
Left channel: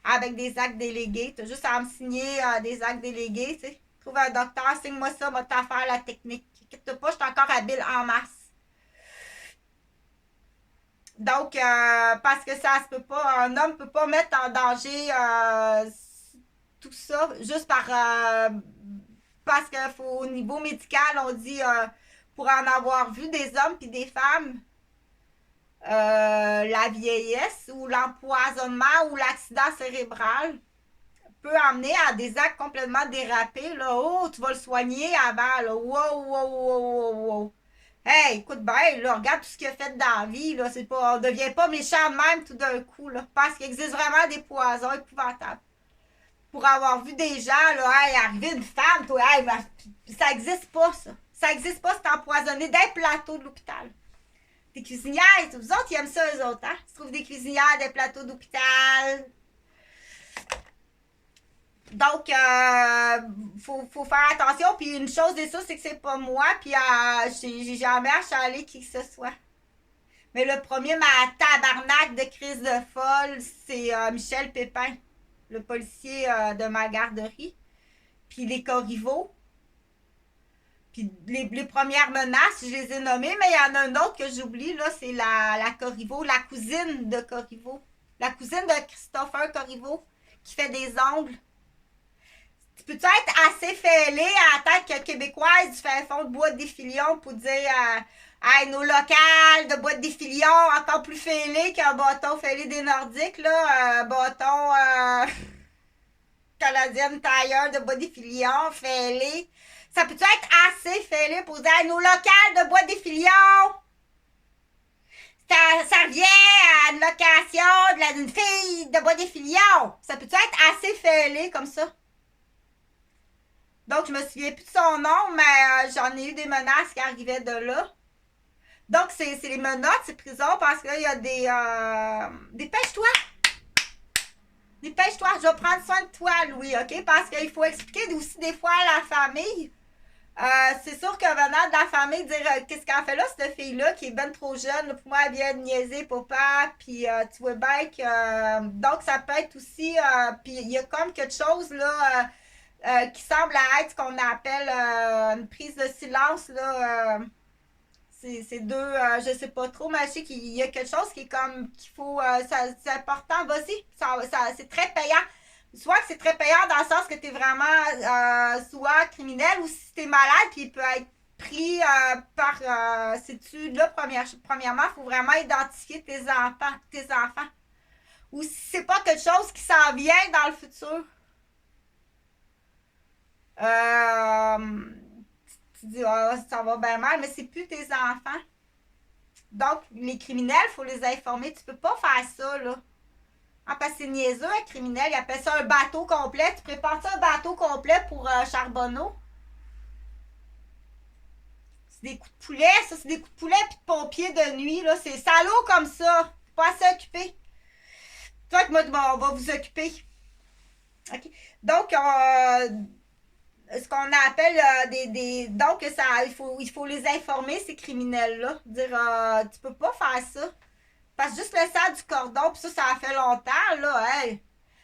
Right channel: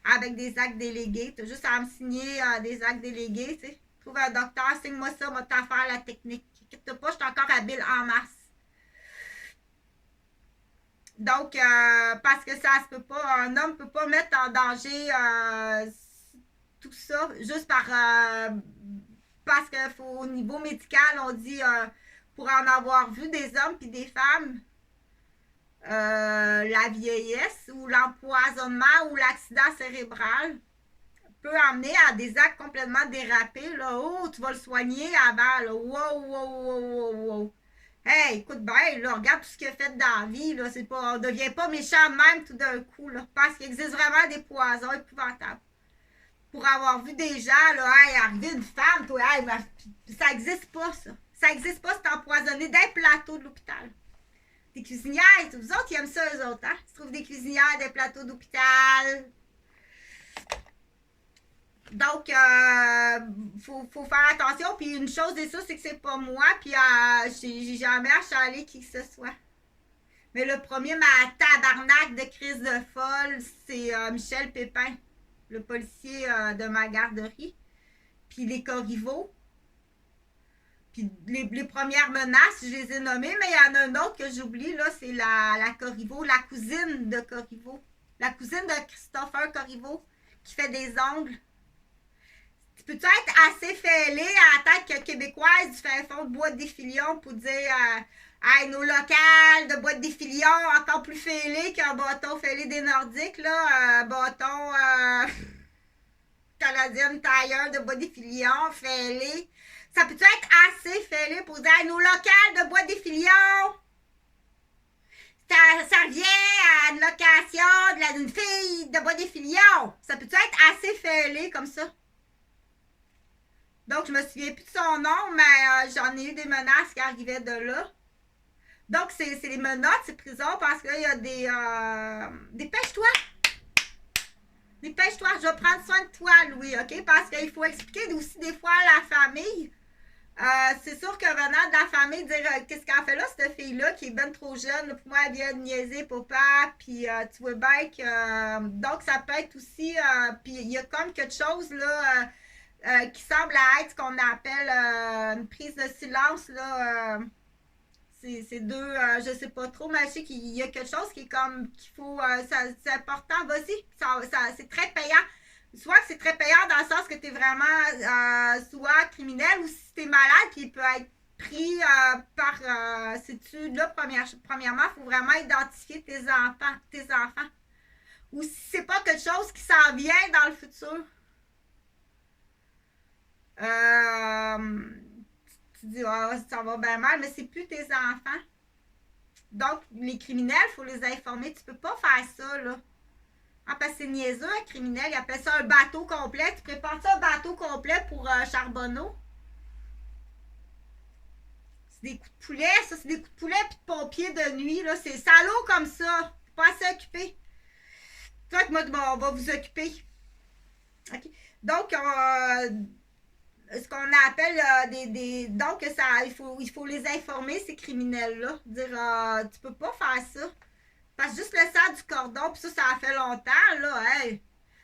avec des actes délégués. Tu as juste à me signer des actes délégués, tu sais. Trouve un docteur, signe-moi ça, va t'en faire la technique. Inquiète pas, je suis encore habile en masse. Donc, parce que ça se peut pas, un homme peut pas mettre en danger tout ça juste parce que faut, au niveau médical, on dit pour en avoir vu des hommes puis des femmes, la vieillesse ou l'empoisonnement ou l'accident cérébral peut amener à des actes complètement dérapés. Là. Oh, tu vas le soigner avant. Là. Wow, wow, wow, wow, wow. Hey, écoute bien, là, regarde tout ce qu'il a fait dans la vie. Là. C'est pas, on ne devient pas méchant de même tout d'un coup. Là, parce qu'il existe vraiment des poisons épouvantables. Pour avoir vu des gens, là, hey, arriver une femme, toi, hey, ça n'existe pas, ça. Ça n'existe pas, c'est empoisonné d'un plateau de l'hôpital. Des cuisinières, vous autres, ils aiment ça, eux autres, hein? Ils trouvent des cuisinières des plateaux d'hôpital. Donc, faut faire attention. Puis une chose est sûre, c'est que c'est pas moi. Puis j'ai jamais achalé qui que ce soit. Mais le premier, ma tabarnak de crise de folle, c'est Michel Pépin, le policier de ma garderie. Puis les Corriveau. Puis les premières menaces, je les ai nommées, mais il y en a un autre que j'oublie, là, c'est la Corriveau, la cousine de Corriveau. La cousine de Christopher Corriveau, qui fait des ongles. Tu peux-tu être assez fêlé à la tête québécoise du fin fond de Bois des Filions pour dire hey, nos locales de Bois des Filions, encore plus fêlé qu'un bâton fêlé des Nordiques, là, bâton canadienne tailleur de Bois des Filions, fêlé. Ça peut être assez fêlé pour dire hey, nos locales de Bois des Filions? Ça revient à une location d'une fille de Bois des Filions. Ça peut être assez fêlé comme ça? Donc, je me souviens plus de son nom, mais j'en ai eu des menaces qui arrivaient de là. Donc, c'est les menottes, c'est prison, parce qu'il y a des... Dépêche-toi! Dépêche-toi, je vais prendre soin de toi, Louis, OK? Parce qu'il faut expliquer aussi des fois à la famille. C'est sûr que venant de la famille, dire qu'est-ce qu'elle fait là, cette fille-là, qui est ben trop jeune, là, pour moi, elle vient de niaiser papa, puis tu vois bien que... donc, ça peut être aussi... puis il y a comme quelque chose, là... qui semble être ce qu'on appelle une prise de silence, là. C'est deux, je sais pas trop, mais je sais qu'il y a quelque chose qui est comme, qu'il faut, c'est important, vas-y, c'est très payant. Soit que c'est très payant dans le sens que tu es vraiment soit criminel ou si tu es malade, puis il peut être pris par ces études-là, premièrement, il faut vraiment identifier tes enfants. Ou si c'est pas quelque chose qui s'en vient dans le futur. Tu dis, oh, ça va bien mal, mais c'est plus tes enfants. Donc, les criminels, il faut les informer. Tu peux pas faire ça, là. Ah, parce que c'est niaiseux, un criminel. Il appelle ça un bateau complet. Tu prépares ça un bateau complet pour Charbonneau. C'est des coups de poulet, ça. C'est des coups de poulet puis de pompiers de nuit, là. C'est salaud comme ça. Pas assez occupé. Toi, moi, on va vous occuper. OK. Donc, ce qu'on appelle donc il faut les informer, ces criminels là, dire tu peux pas faire ça parce que juste le sang du cordon, puis ça a fait longtemps là, hey.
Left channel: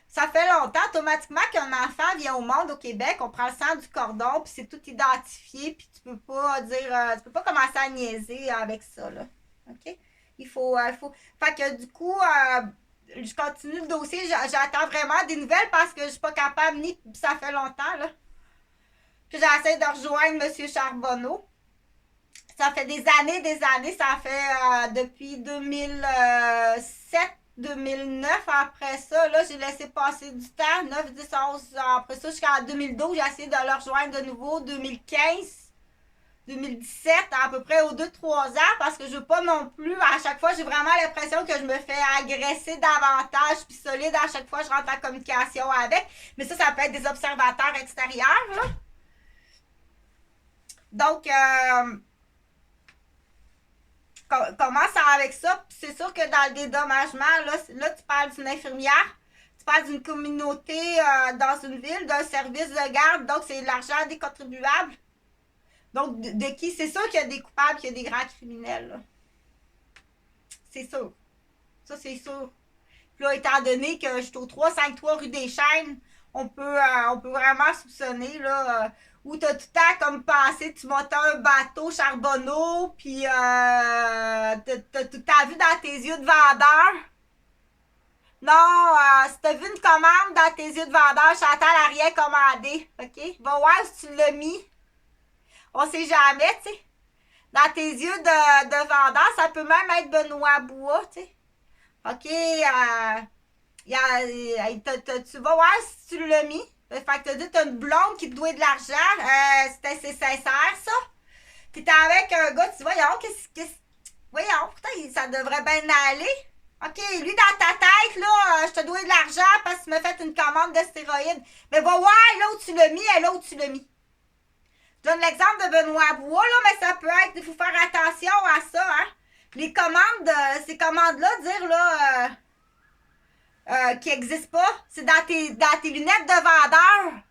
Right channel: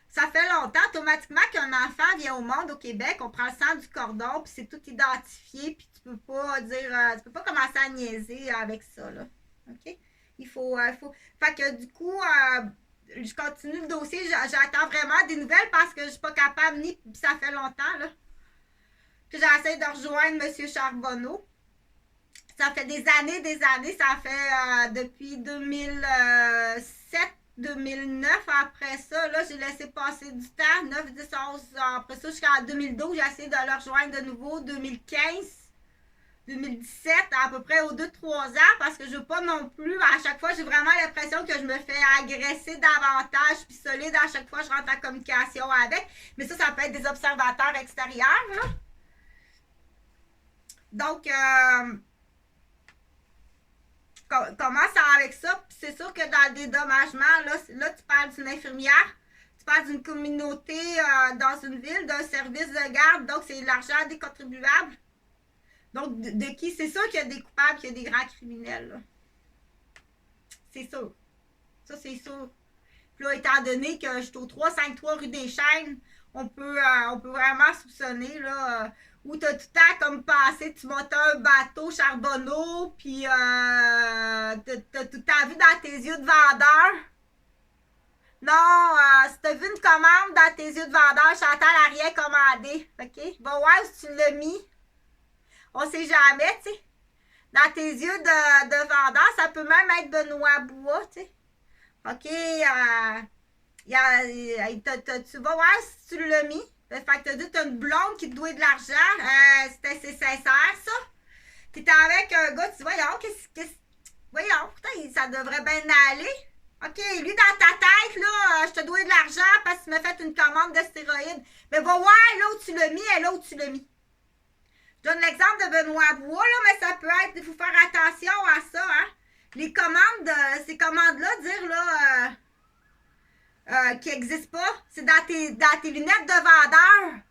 Ça fait longtemps automatiquement qu'un enfant vient au monde au Québec, on prend le sang du cordon, puis c'est tout identifié, puis tu peux pas dire tu peux pas commencer à niaiser avec ça là. OK, il faut fait que du coup je continue le dossier, j'attends vraiment des nouvelles parce que je suis pas capable ni ça fait longtemps là. Puis j'essaie de rejoindre M. Charbonneau. Ça fait des années, ça fait depuis 2007-2009. Après ça, là, j'ai laissé passer du temps, 9, 10, 11. Après ça, jusqu'en 2012, j'ai essayé de le rejoindre de nouveau, 2015, 2017, à peu près aux 2-3 ans, parce que je veux pas non plus, à chaque fois, j'ai vraiment l'impression que je me fais agresser davantage, puis solide, à chaque fois, je rentre en communication avec. Mais ça peut être des observateurs extérieurs, là. Donc, commence avec ça. C'est sûr que dans le dédommagement, là tu parles d'une infirmière, tu parles d'une communauté dans une ville, d'un service de garde. Donc, c'est l'argent des contribuables. Donc, de qui? C'est sûr qu'il y a des coupables, qu'il y a des grands criminels. Là. C'est sûr. Ça, c'est sûr. Puis là, étant donné que je suis au 353 rue des Chênes, on peut vraiment soupçonner, là... où t'as tout le temps comme pensé, tu montais un bateau Charbonneau, puis t'as tout le temps vu dans tes yeux de vendeur. Non, si t'as vu une commande dans tes yeux de vendeur, Chantal a rien commandé, OK? Va voir si tu l'as mis. On sait jamais, tu sais. Dans tes yeux de vendeur, ça peut même être Benoît Bois, tu sais. OK, tu vas voir si tu l'as mis. Fait que t'as dit t'as une blonde qui te doit de l'argent. C'est sincère, ça. T'es avec un gars, tu vois, voyons, pourtant, ça devrait bien aller. OK, lui, dans ta tête, là, je te dois de l'argent parce que tu m'as fait une commande de stéroïdes. Mais va voir là où tu l'as mis et là où tu l'as mis. Je donne l'exemple de Benoît Bois, là, mais ça peut être, il faut faire attention à ça, hein. Les commandes, ces commandes-là, dire, là... qui n'existe pas. C'est dans tes lunettes de vendeur.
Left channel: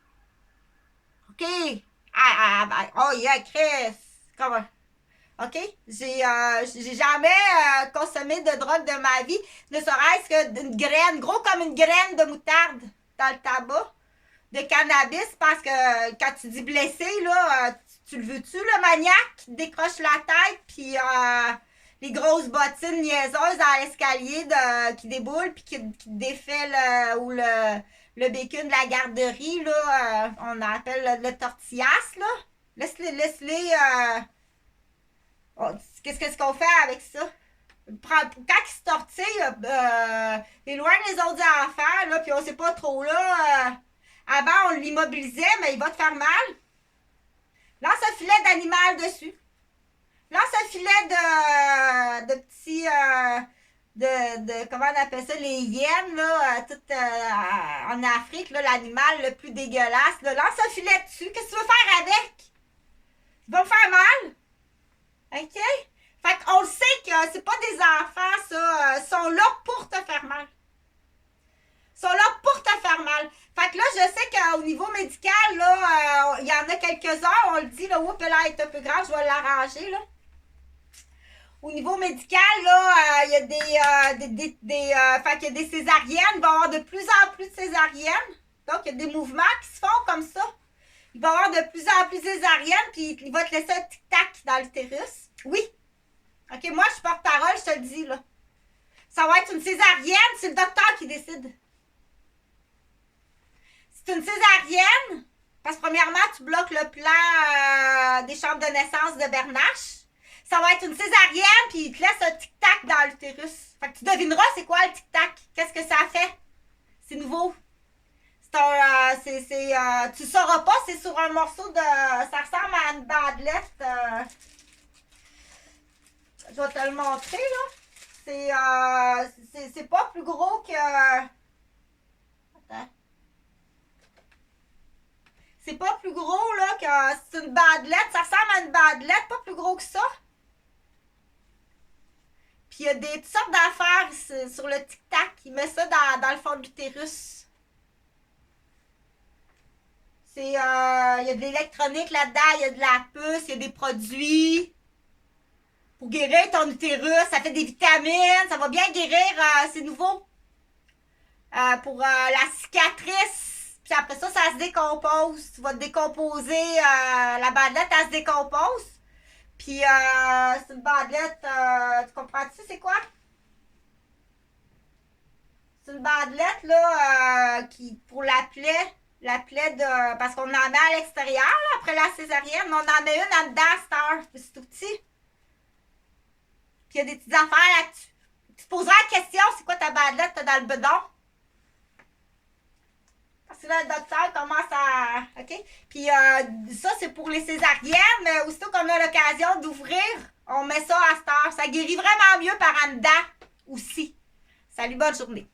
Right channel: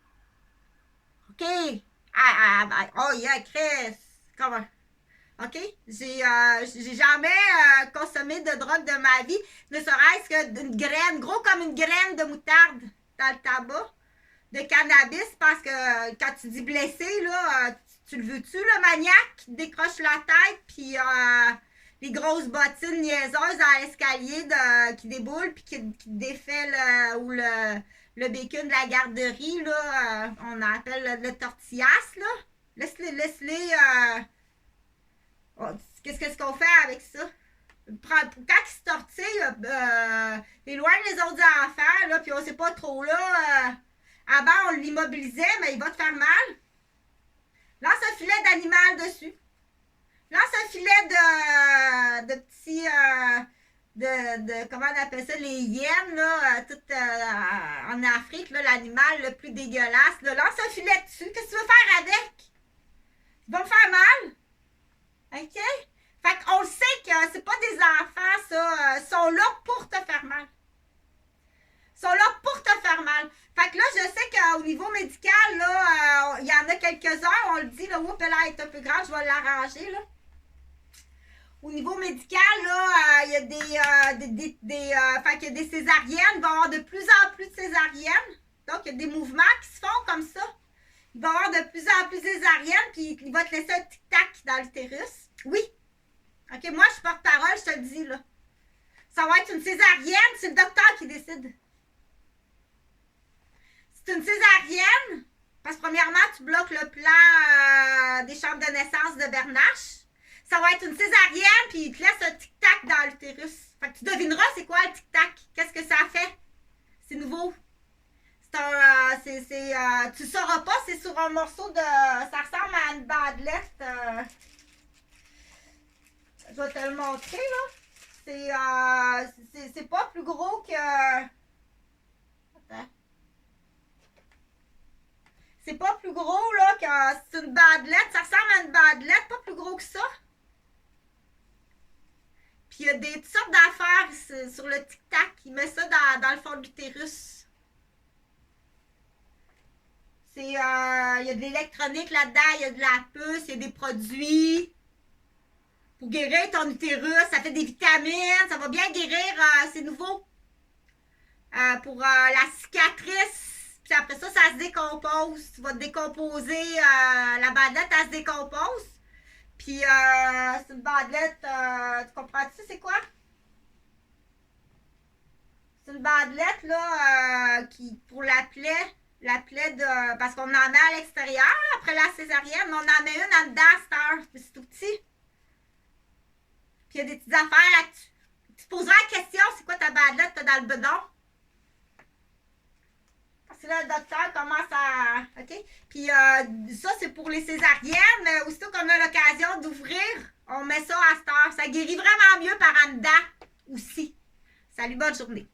OK? Oh, yeah, Chris. Comment? OK? J'ai jamais consommé de drogue de ma vie, ne serait-ce que d'une graine, gros comme une graine de moutarde dans le tabac, de cannabis, parce que quand tu dis blessé, là, tu le veux-tu, le maniaque qui te décroche la tête, puis les grosses bottines niaiseuses dans l'escalier qui déboulent, puis qui te défait le bacon de la garderie, là, on appelle le tortillas, là. Laisse-les. Qu'est-ce qu'on fait avec ça? Quand il se tortille, éloigne les autres enfants, là, puis on sait pas trop, là. Avant, on l'immobilisait, mais il va te faire mal. Lance un filet d'animal dessus. Lance un filet de petits... comment on appelle ça? Les hyènes, là, en Afrique, là, l'animal le plus dégueulasse. Là. Lance un filet dessus. Qu'est-ce que tu veux faire avec? Il va me faire mal. OK? Fait qu'on le sait que c'est pas des enfants, ça. Ils sont là pour te faire mal. Ils sont là pour te faire mal. Fait que là, je sais qu'au niveau médical, là, il y en a quelques-uns, on le dit, là, oups, là, elle est un peu grave, je vais l'arranger, là. Au niveau médical, là, il y a fait qu'il y a des césariennes, il va y avoir de plus en plus de césariennes. Donc, il y a des mouvements qui se font comme ça. Il va y avoir de plus en plus de césariennes, puis il va te laisser un tic-tac dans l'utérus. Oui. OK, moi, je suis porte-parole, je te le dis, là. Ça va être une césarienne, c'est le docteur qui décide. C'est une césarienne, parce que premièrement, tu bloques le plan des chambres de naissance de Bernache. Ça va être une césarienne, puis il te laisse un tic-tac dans l'utérus. Fait que tu devineras c'est quoi le tic-tac. Qu'est-ce que ça fait? C'est nouveau. Tu sauras pas, c'est sur un morceau de... Ça ressemble à une bandelette. Je vais te le montrer, là. C'est pas plus gros que... Attends. C'est pas plus gros, là, que... C'est une bandelette. Ça ressemble à une bandelette, pas plus gros que ça. Puis il y a toutes sortes d'affaires sur le tic-tac. Il met ça dans le fond de l'utérus. Il y a de l'électronique là-dedans, il y a de la puce, il y a des produits pour guérir ton utérus. Ça fait des vitamines, ça va bien guérir, c'est nouveau. Pour la cicatrice. Puis après ça, ça se décompose. Tu vas te décomposer. La bandelette, elle se décompose. Puis c'est une bandelette, tu comprends-tu c'est quoi? C'est une bandelette là, pour la plaie. La plaie de... Parce qu'on en met à l'extérieur, là, après la césarienne. Mais on en met une en dedans, c'est tout petit. Puis il y a des petites affaires là-dessus. Tu te poseras la question, c'est quoi ta bandelette dans le bedon? Parce que là, le docteur commence à... OK? Puis ça, c'est pour les césariennes. Mais aussitôt qu'on a l'occasion d'ouvrir, on met ça à cette heure. Ça guérit vraiment mieux par en dedans aussi. Salut, bonne journée.